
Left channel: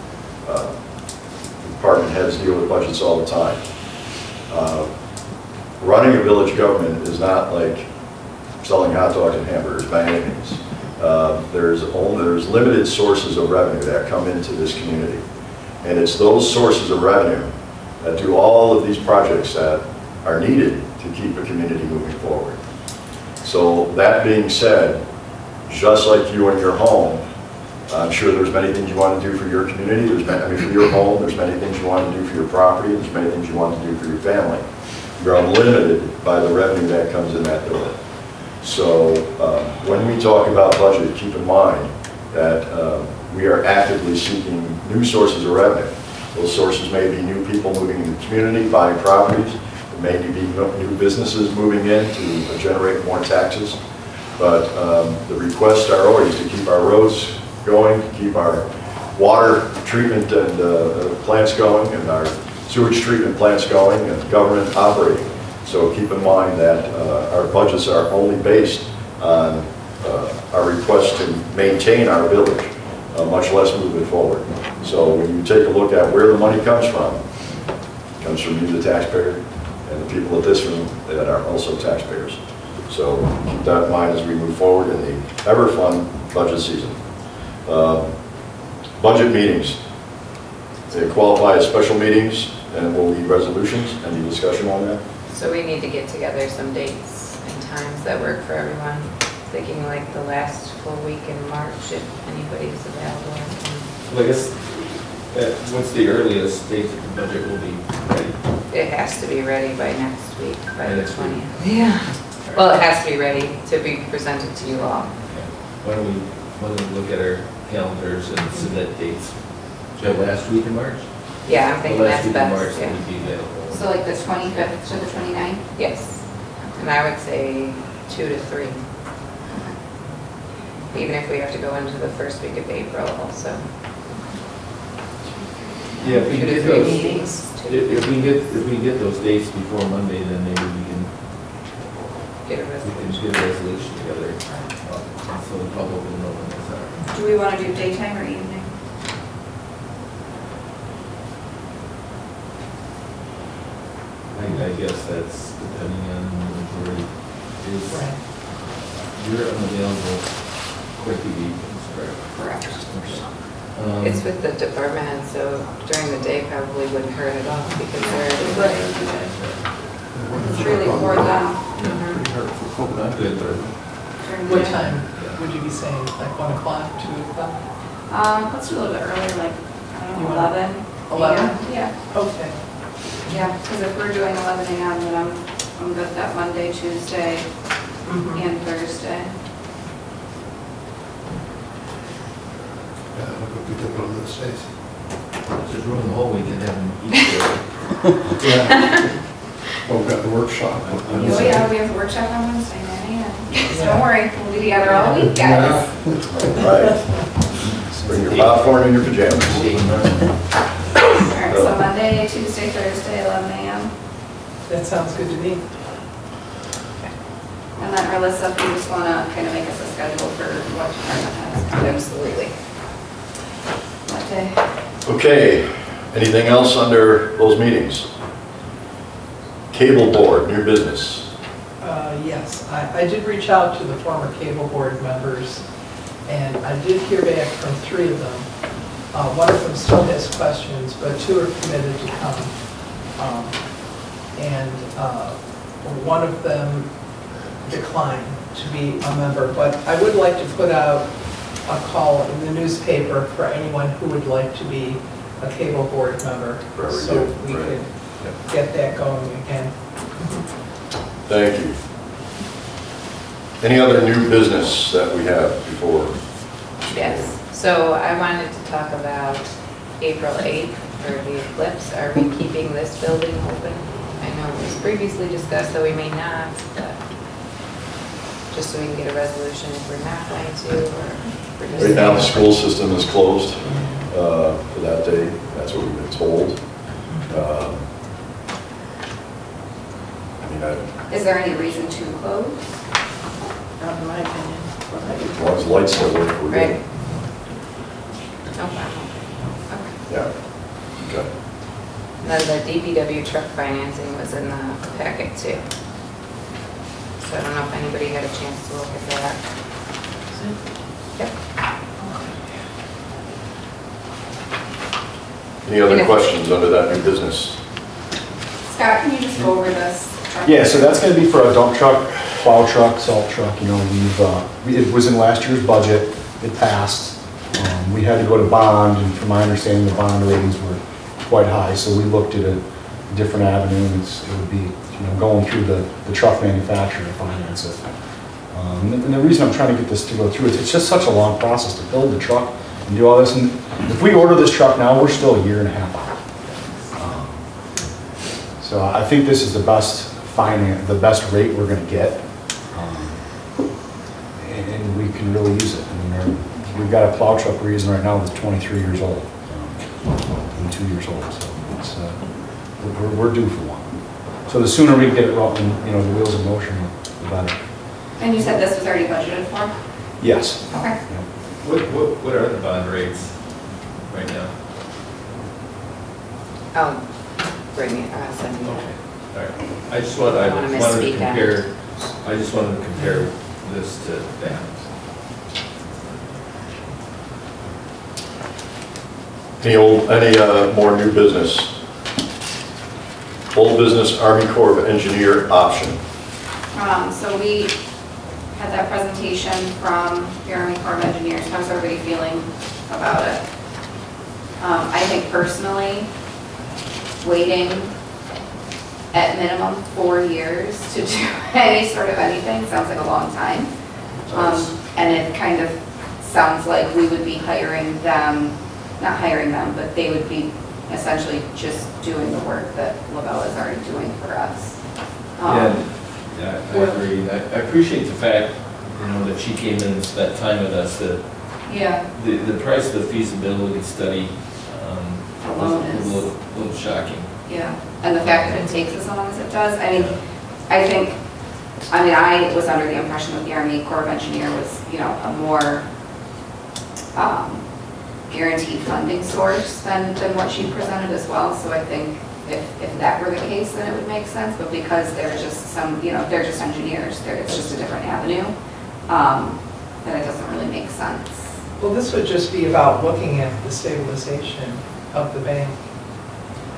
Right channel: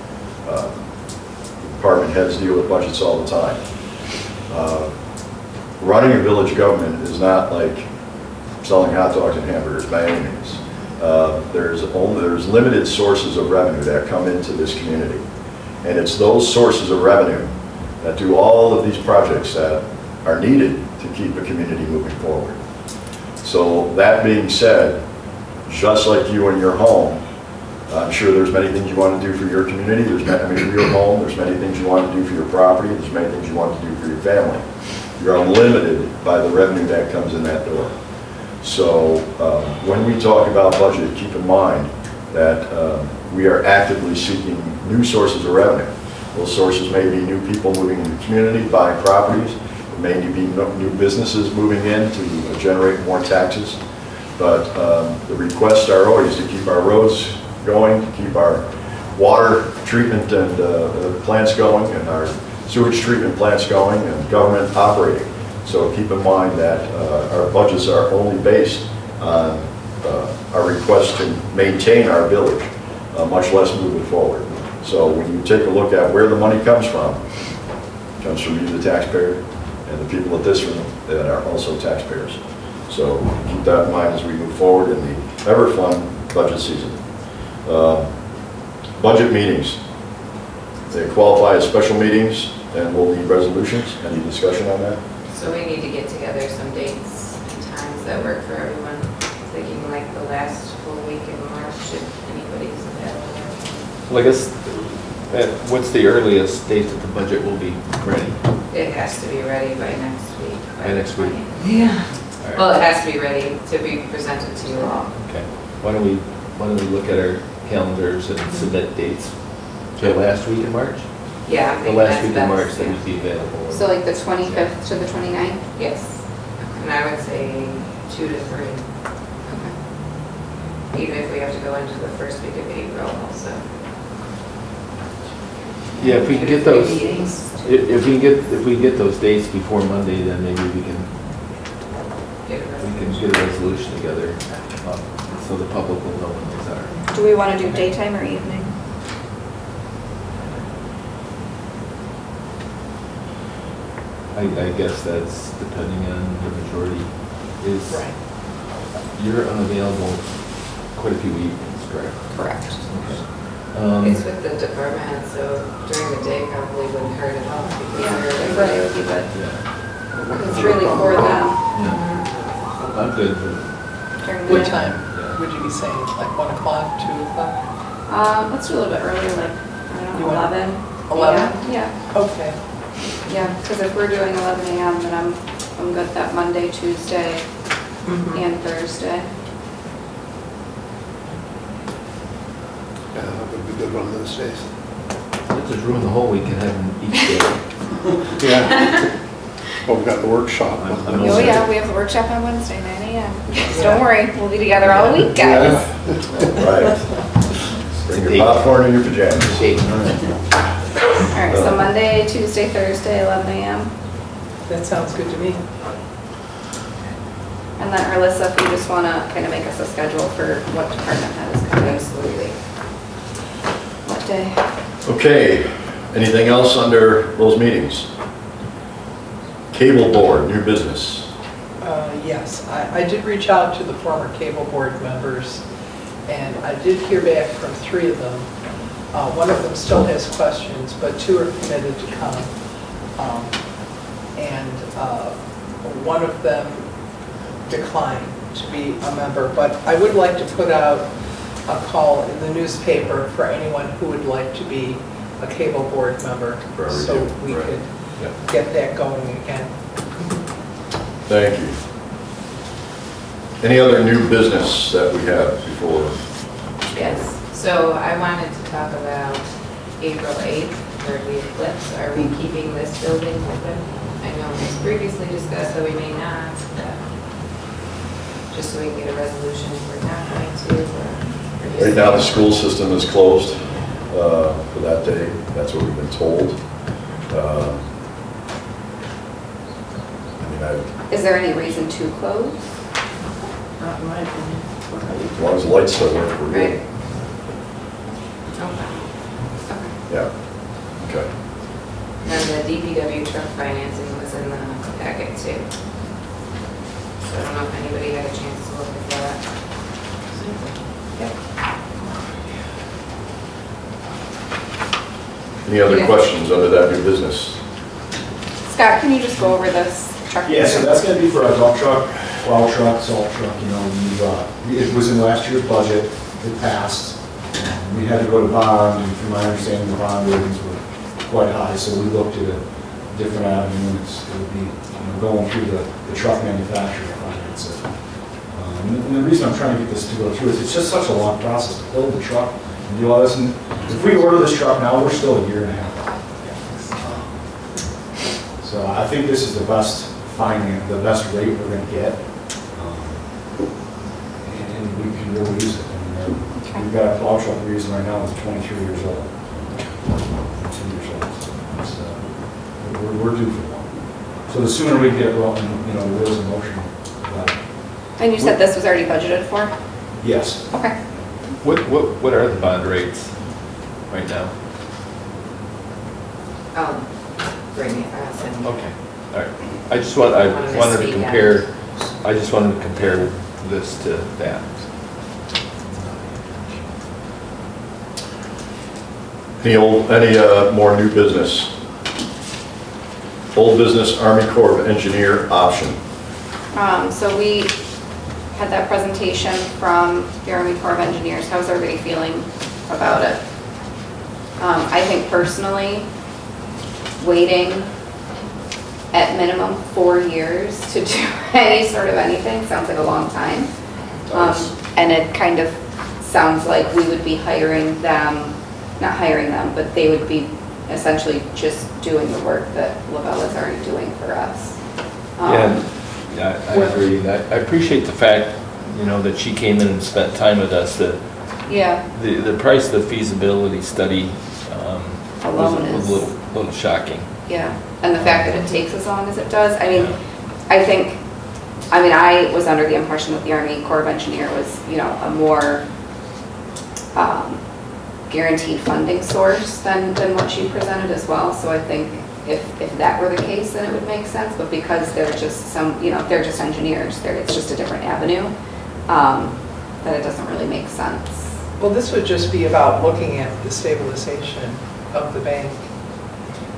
Department heads deal with budgets all the time. Running a village government is not like selling hot dogs and hamburgers by any means. There's limited sources of revenue that come into this community. And it's those sources of revenue that do all of these projects that are needed to keep a community moving forward. So that being said, just like you in your home, I'm sure there's many things you want to do for your community. For your home, there's many things you want to do for your property. There's many things you want to do for your family. You're limited by the revenue that comes in that door. So when we talk about budget, keep in mind that we are actively seeking new sources of revenue. Those sources may be new people moving into the community, buying properties. There may be new businesses moving in to generate more taxes, but the requests are always to keep our roads going, to keep our water treatment and plants going, and our sewage treatment plants going, and government operating. So keep in mind that our budgets are only based on our request to maintain our village, much less move it forward. So when you take a look at where the money comes from, it comes from you, the taxpayer, and the people at this room that are also taxpayers. So keep that in mind as we move forward in the ever-fun budget season. Budget meetings. They qualify as special meetings and will need resolutions. Any discussion on that? So we need to get together some dates and times that work for everyone. Thinking like the last full week in March, if anybody's available. Well, I guess, what's the earliest date that the budget will be ready? It has to be ready by next week, by the next week? 20th. Yeah. All Well, right. it has to be ready to be presented to you all. Okay. Why don't we look at our calendars and submit dates? So last week in March? Yeah, I'm The thinking last that's week in March best. that Yeah. would be available. So like the 25th to the 29th? Yes. And I would say 2 to 3. Even if we have to go into the first week of April also. Yeah, if we can 2 to get 3 those, meetings. if we get those dates before Monday, then maybe we can Get a get resolution. a resolution together, so the public will know when those are. Do we want to do daytime or evening? I guess that's depending on the majority is, Right. you're unavailable quite a few evenings, correct? Correct. Okay. It's with the department head, so during the day probably wouldn't hurt at all because they're. Right. It's really for them Yeah. I'm good, but during the What day. time would you be saying, like 1 o'clock, 2 o'clock? Let's do a little bit earlier, like, I don't You know, want 11. 11? Yeah, Okay. yeah, because if we're doing 11 a.m., then I'm good that Monday, Tuesday, and Thursday. Yeah, that would be good one of those days. let's just ruin the whole week and have them each day. Yeah. Well, we've got the workshop. Oh yeah, we have a workshop on Wednesday, 9 a.m. Just don't worry, we'll be together all week, guys. Right. Bring your popcorn and your pajamas. All right, so Monday, Tuesday, Thursday, 11 a.m. That sounds good to me. And then Alyssa, if you just want to kind of make us a schedule for what department has. Absolutely. What day? Okay, anything else under those meetings? Cable board, new business. Yes, I did reach out to the former cable board members, and I did hear back from 3 of them. One of them still has questions, but 2 are committed to come. And one of them declined to be a member, but I would like to put out a call in the newspaper for anyone who would like to be a cable board member, so we Right. could get that going again. Thank you. Any other new business that we have before? Yes, so I wanted to talk about April 8th for the eclipse. Are we keeping this building open? I know it was previously discussed that we may not, but just so we can get a resolution if we're not going to, or we're just. Right now, the school system is closed for that day. That's what we've been told. Is there any reason to close? Not in my opinion. As long as lights still work, we're Right. good. Okay. Yeah, okay. And the DPW truck financing was in the packet too. So I don't know if anybody had a chance to look at that. Yep. Any other Yeah. questions under that new business? Scott, can you just go over this truck? Yeah, so that's gonna be for a dump truck, plow truck, salt truck, you know, it was in last year's budget, it passed. We had to go to bond, and from my understanding, the bond ratings were quite high, so we looked at a different avenue, it would be, you know, going through the truck manufacturer to finance it. And the reason I'm trying to get this to go through is it's just such a long process to build the truck and do all this, and if we order this truck now, we're still a year and a half out. So I think this is the best the best rate we're going to get, and we can really use it. I mean, we've got a plow truck we're using right now that's 23 years old, 2 years old. So it's, we're due for one. So the sooner we get it rolling, you know, the wheels in motion, the better. And you said this was already budgeted for? Yes. Okay. What are the bond rates right now? I'll bring it, send you. Okay, all right. I wanted to misspeak compare, I just wanted to compare this to that. Any more new business? Old business, Army Corps of Engineer option. So we had that presentation from the Army Corps of Engineers. How's everybody feeling about it? I think personally, waiting at minimum 4 years to do any sort of anything sounds like a long time. And it kind of sounds like we would be hiring them, not hiring them, but they would be essentially just doing the work that Lavelle is already doing for us. Yeah, I agree. I appreciate the fact, you know, that she came in and spent time with us, that Yeah, the price of the feasibility study alone was is, a little shocking. yeah. And the fact that it takes as long as it does, I mean, I was under the impression that the Army Corps of Engineer was, you know, a more guaranteed funding source than what she presented as well. So I think if that were the case, then it would make sense. But because they're just they're just engineers, it's just a different avenue, that it doesn't really make sense. Well, this would just be about looking at the stabilization of the bank.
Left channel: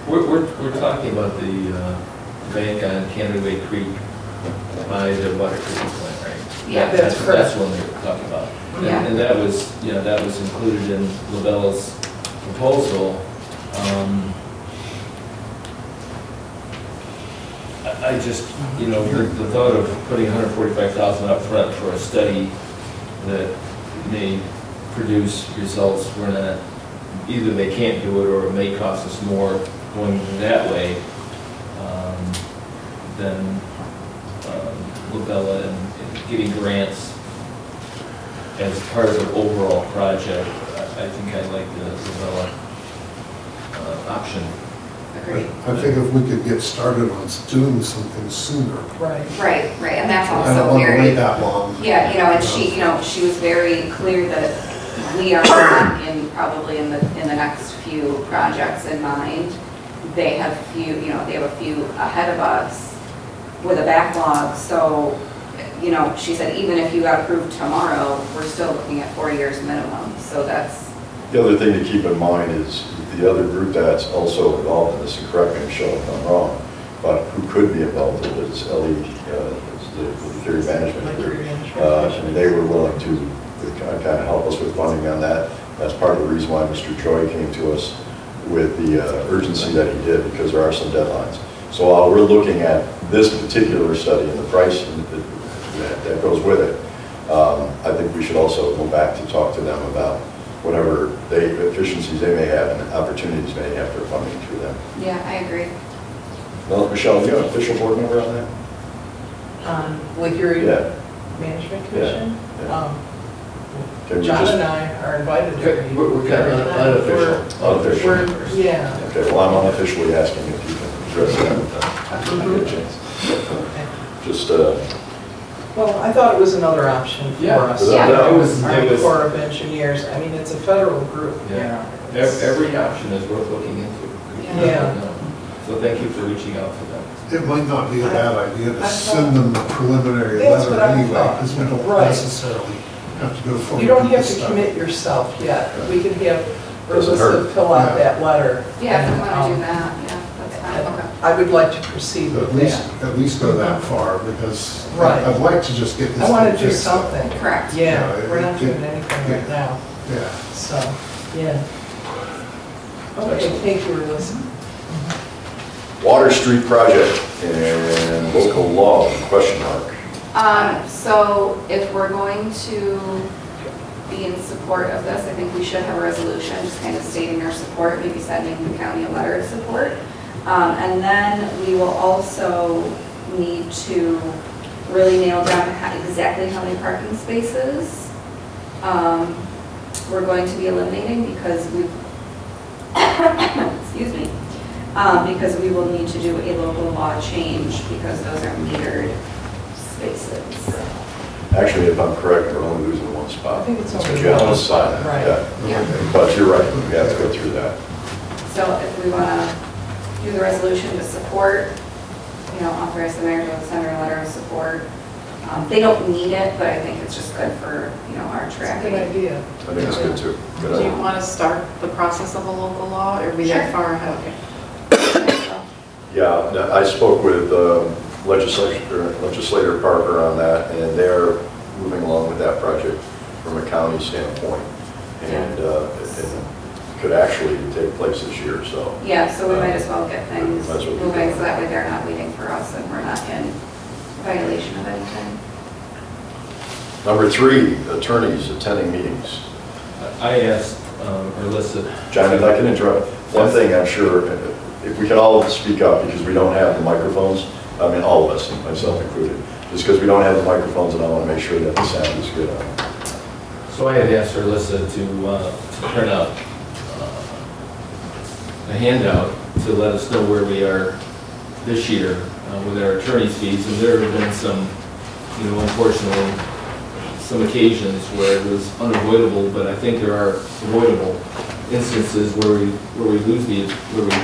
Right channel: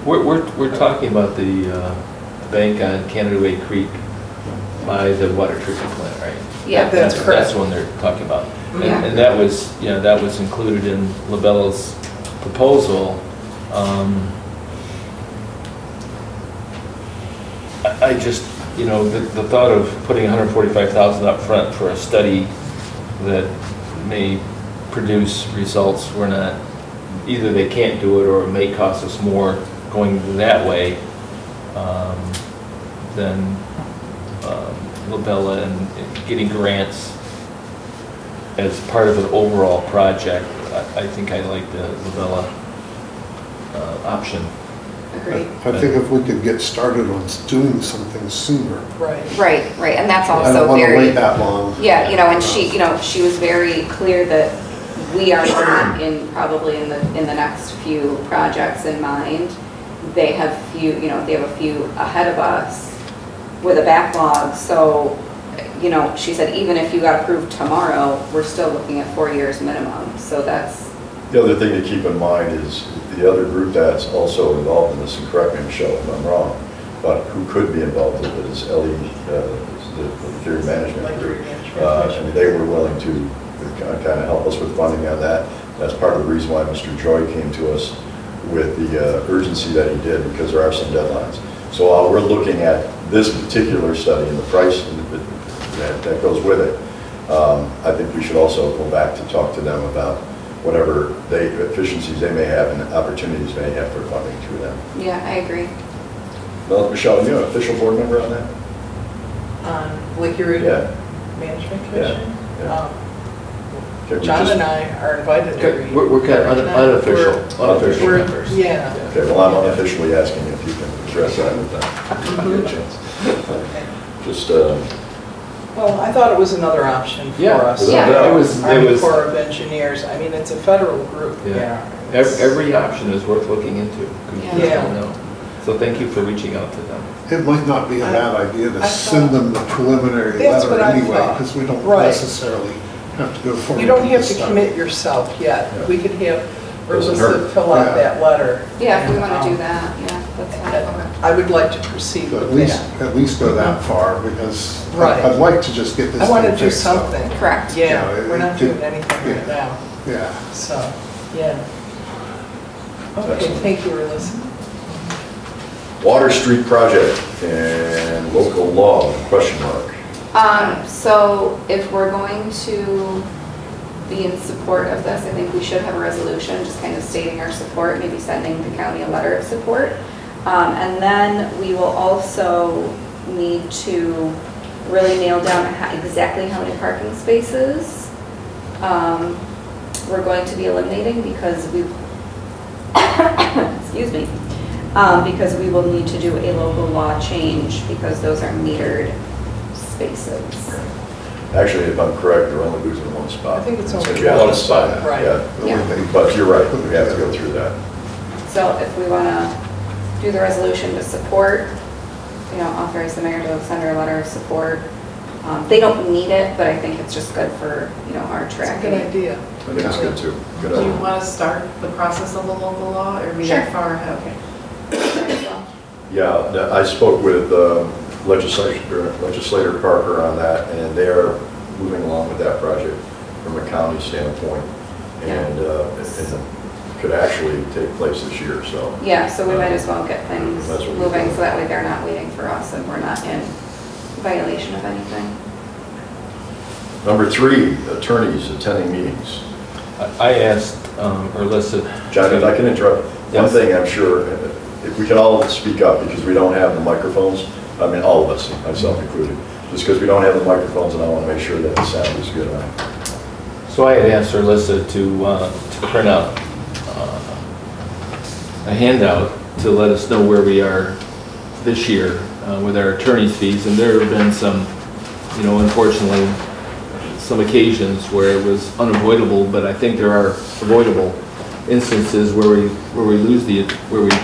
We're talking about the bank on Canada Creek by the water treatment plant, right? Yeah, that's correct. That's what they're talking about. Yeah. And that was, you know, that was included in Labella's proposal. I just, you know, the thought of putting $145,000 up front for a study that may produce results we're not, either they can't do it or it may cost us more going that way than Labella and getting grants as part of the overall project. I think I like the Labella option. Agreed. I think if we could get started on doing something sooner. Right. Right, and that's I don't also want to wait very, that long. yeah, you know, and she was very clear that we are not probably in the next few projects in mind. They have a few ahead of us with a backlog. So, you know, she said even if you got approved tomorrow, we're still looking at 4 years minimum. So that's. The other thing to keep in mind is the other group that's also involved in this, and correct me, Michelle, if I'm wrong, but who could be involved in it is the Theory Management Group. And they were willing to kind of help us with funding on that. That's part of the reason why Mr. Troy came to us with the urgency that he did, because there are some deadlines. So while we're looking at this particular study and the price that goes with it, I think we should also go back to talk to them about whatever efficiencies they may have and opportunities they may have for funding through them. Yeah, I agree. Well, Michelle, are you an official board member on that? Lake Erie Yeah. Management Commission? Yeah. Can we John just- and I are invited to be. We're kind of unofficial. We're, yeah. Okay, well, I'm unofficially asking if you can address that with them. I get a chance. Okay. Just, Well, I thought it was another option for Yeah. us. Yeah. It was- Army Corps of Engineers, I mean, it's a federal group. Yeah. Every option is worth looking into. Yeah. So thank you for reaching out to them. It might not be a bad idea to send them the preliminary That's letter what I anyway, thought. because we don't Right. necessarily have to go forward. You don't with have this to stuff. commit yourself yet. We could have Doesn't Ursa hurt. fill out Yeah. that letter. Yeah, if we want to And, do that, yeah, that's fine. Okay. I would like to proceed So with at least go that far, because Right. I'd like to just get this. that. I want to thing do fixed up. something. Correct. Yeah, Yeah, we're not it- doing anything right now, Yeah. so, yeah. Okay, Excellent. thank you, Elisa. Water Street Project and local law, question mark. So if we're going to be in support of this, I think we should have a resolution just kind of stating our support, maybe sending the county a letter of support. And then we will also need to really nail down exactly how many parking spaces we're going to be eliminating because we, excuse me, because we will need to do a local law change because those are metered spaces. Actually, if I'm correct, you're only losing one spot. I think it's only you have one to spot, sign it. right. Yeah. But you're right, we have to go through that. So if we want to do the resolution to support, authorize the mayor to send her a letter of support. They don't need it, but I think it's just good for, our It's a tracking. good idea. I think it's good too. Good Do you idea. want to start the process of a local law, or be Sure. that far ahead? Yeah, I spoke with Legislator Parker on that, and they're moving along with that project from a county standpoint. And it could actually take place this year, so. Yeah, so we might as well get things Might as well get moving going. so that way they're not waiting for us and we're not in violation of anything. Number 3, attorneys attending meetings. I asked, or listed. John, if I can interrupt, one thing I'm sure, if we can all speak up because we don't have the microphones, I mean, all of us, myself included, just because we don't have the microphones and I want to make sure that the sound is good on. So I had asked Alyssa to print out a handout to let us know where we are this year with our attorney's fees, and there have been some, unfortunately, some occasions where it was unavoidable, but I think there are avoidable instances where we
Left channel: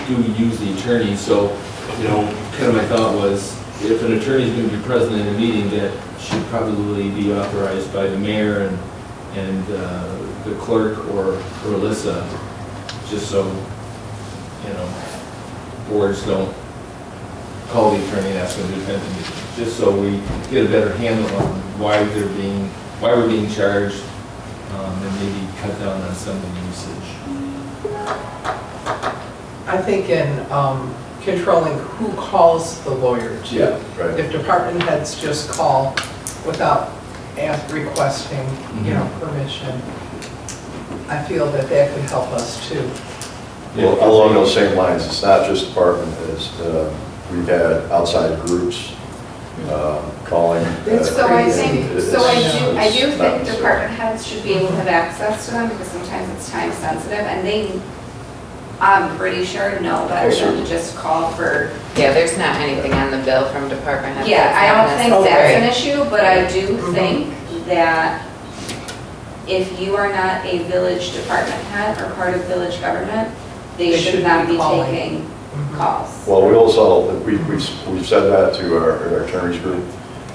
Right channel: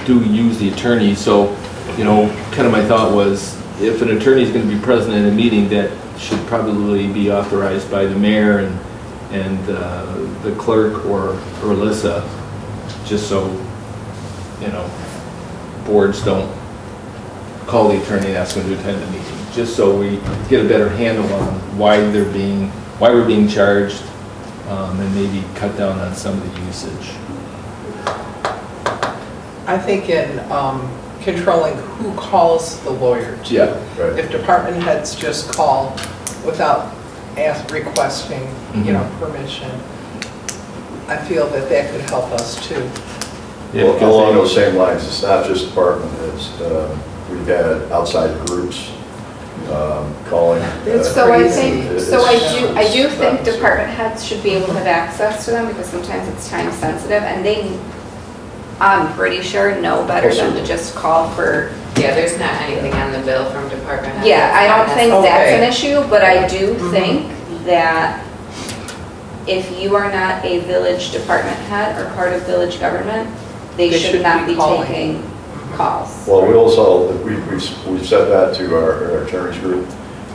do use the attorney. So, kind of my thought was, if an attorney is going to be present in a meeting, that should probably be authorized by the mayor and the clerk or Alyssa, just so boards don't call the attorney and ask them to attend the meeting, just so we get a better handle on why we're being charged, and maybe cut down on some of the usage. I think in controlling who calls the lawyer too. Yeah, right. If department heads just call without requesting, permission, I feel that could help us too. Well, along those same lines, it's not just department heads. We've had outside groups calling. So I think, I do it's think not- department heads should be able to have access to them because sometimes it's time sensitive and they, I'm pretty sure, know better than to just call for. Yeah, there's not anything on the bill from department heads. Yeah, I don't think that's an Okay. issue, but I do think that if you are not a village department head or part of village government, they should not be calling. taking calls. Well, we also, we've said that to our attorneys group,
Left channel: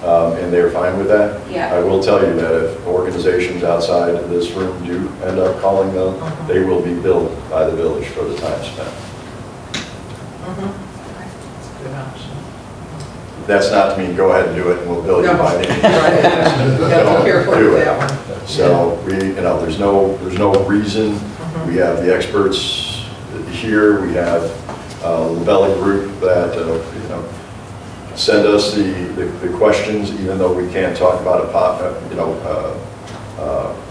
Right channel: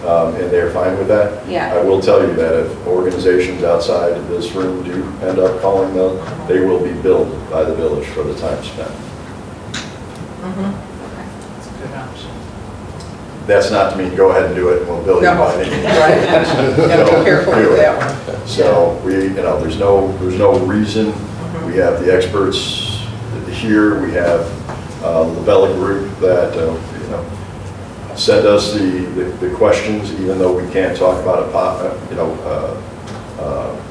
and they're fine with that. Yeah. I will tell you that if organizations outside this room do end up calling them, they will be billed by the village for the time spent. That's a good option. That's not to mean go ahead and do it and we'll bill you No, by any means. right. Gotta be careful Do with it. that one. So there's no reason. We have the experts here. We have the Bella Group that send us the questions, even though we can't talk about it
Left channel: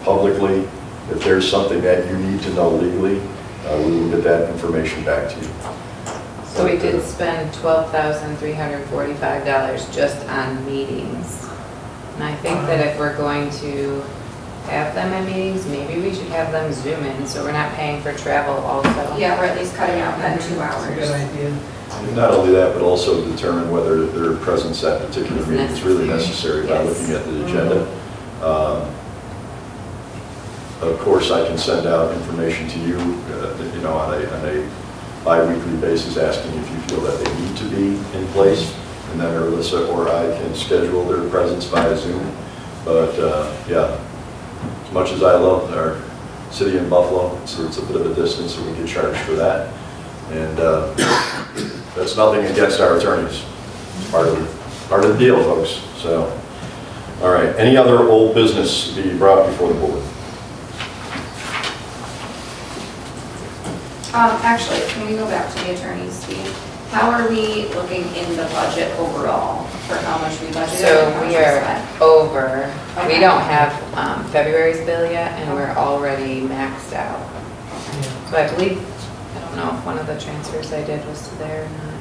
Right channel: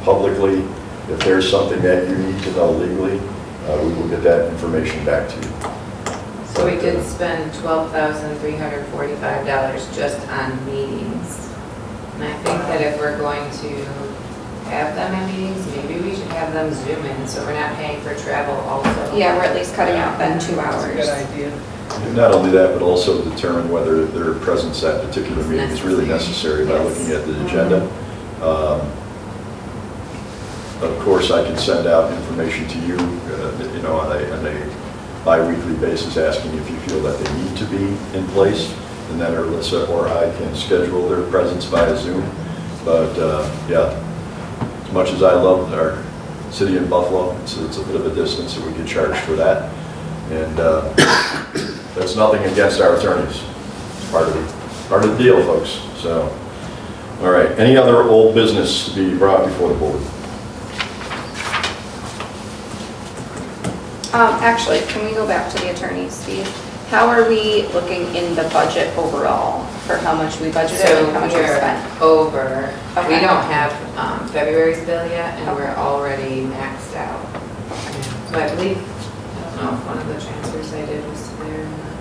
publicly. If there's something that you need to know legally, we will get that information back to you. So we did spend $12,345 just on meetings. And I think that if we're going to have them in meetings, maybe we should have them Zoom in, so we're not paying for travel also. Yeah, we're at least cutting out then 2 That's a hours. good idea. Not only that, but also determine whether their presence at particular meeting is really necessary by looking at the agenda. Of course, I can send out information to you, on a bi-weekly basis, asking if you feel that they need to be in place, and then Alyssa or I can schedule their presence via Zoom. But yeah, as much as I love our city in Buffalo, it's a bit of a distance, and we get charged for that. And that's nothing against our attorneys. It's part of the deal, folks. So, all right. Any other old business to be brought before the board? Actually, can we go back to the attorney's fee? How are we looking in the budget overall for how much we budgeted So and how much we we are spent? over. Okay. We don't have February's bill yet, and we're already maxed out. So I believe, don't know if one of the transfers I did was there or not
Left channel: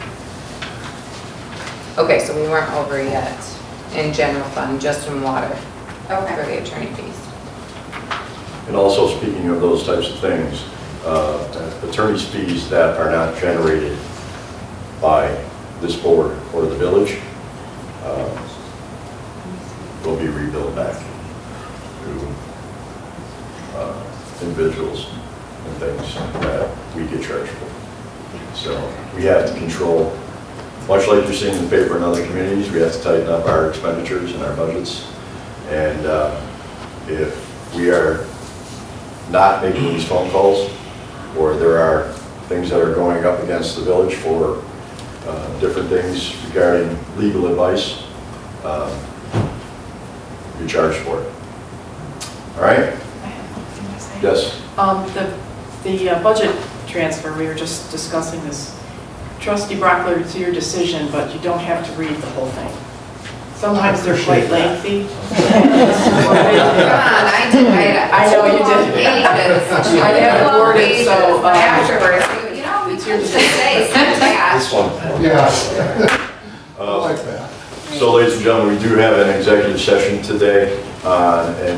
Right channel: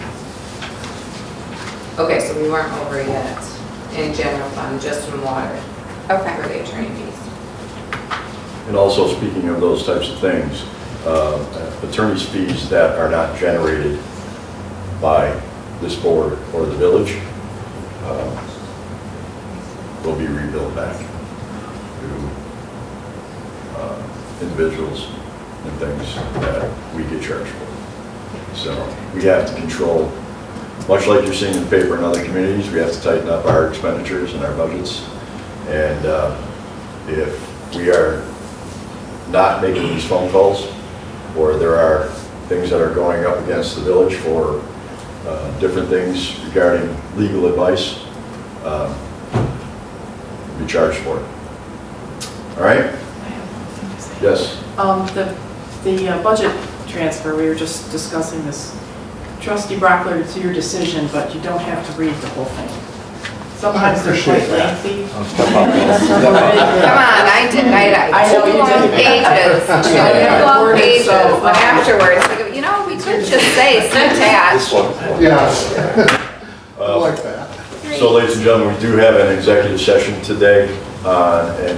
yet. Okay, so we weren't over yet in general fund, just in water. Okay. For the attorney fees. And also, speaking of those types of things, attorney's fees that are not generated by this board or the village will be rebilled back to individuals and things that we get charged for. So we have to control, much like you're seeing in the paper in other communities, we have to tighten up our expenditures and our budgets. And if we are not making these phone calls, or there are things that are going up against the village for different things regarding legal advice, be charged for it. All right? I have one thing to say. Yes? The budget transfer, we were just discussing this. Trustee Brockler, it's your decision, but you don't have to read the whole thing. Sometimes they're quite lengthy. Come on, I did, I know you did. Pages. I have it worded, Pages, so, but afterwards, you know, we could just say syntax. Yeah. I like that. So, ladies and gentlemen, we do have an executive session today on a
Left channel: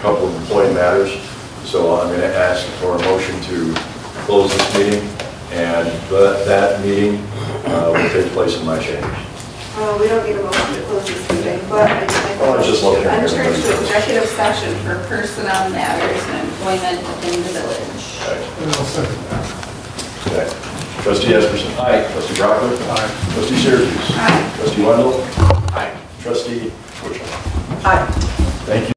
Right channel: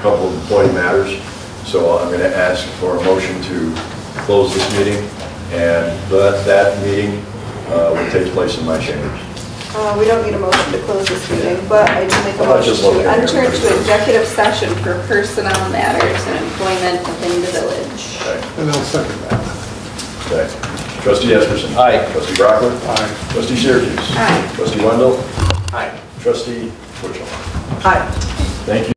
couple of employee matters. So I'm going to ask for a motion to close this meeting, and that meeting will take place in my chambers. We don't need a motion to close this meeting, but I do make a motion Just to looking at enter here. into executive session for personnel matters and employment within the village. And I'll second that. Okay. Trustee Esperson. Aye. Trustee Brockler. Aye. Trustee Syracuse. Aye. Trustee Wendell. Aye. Trustee Twitchell. Aye. Thank you.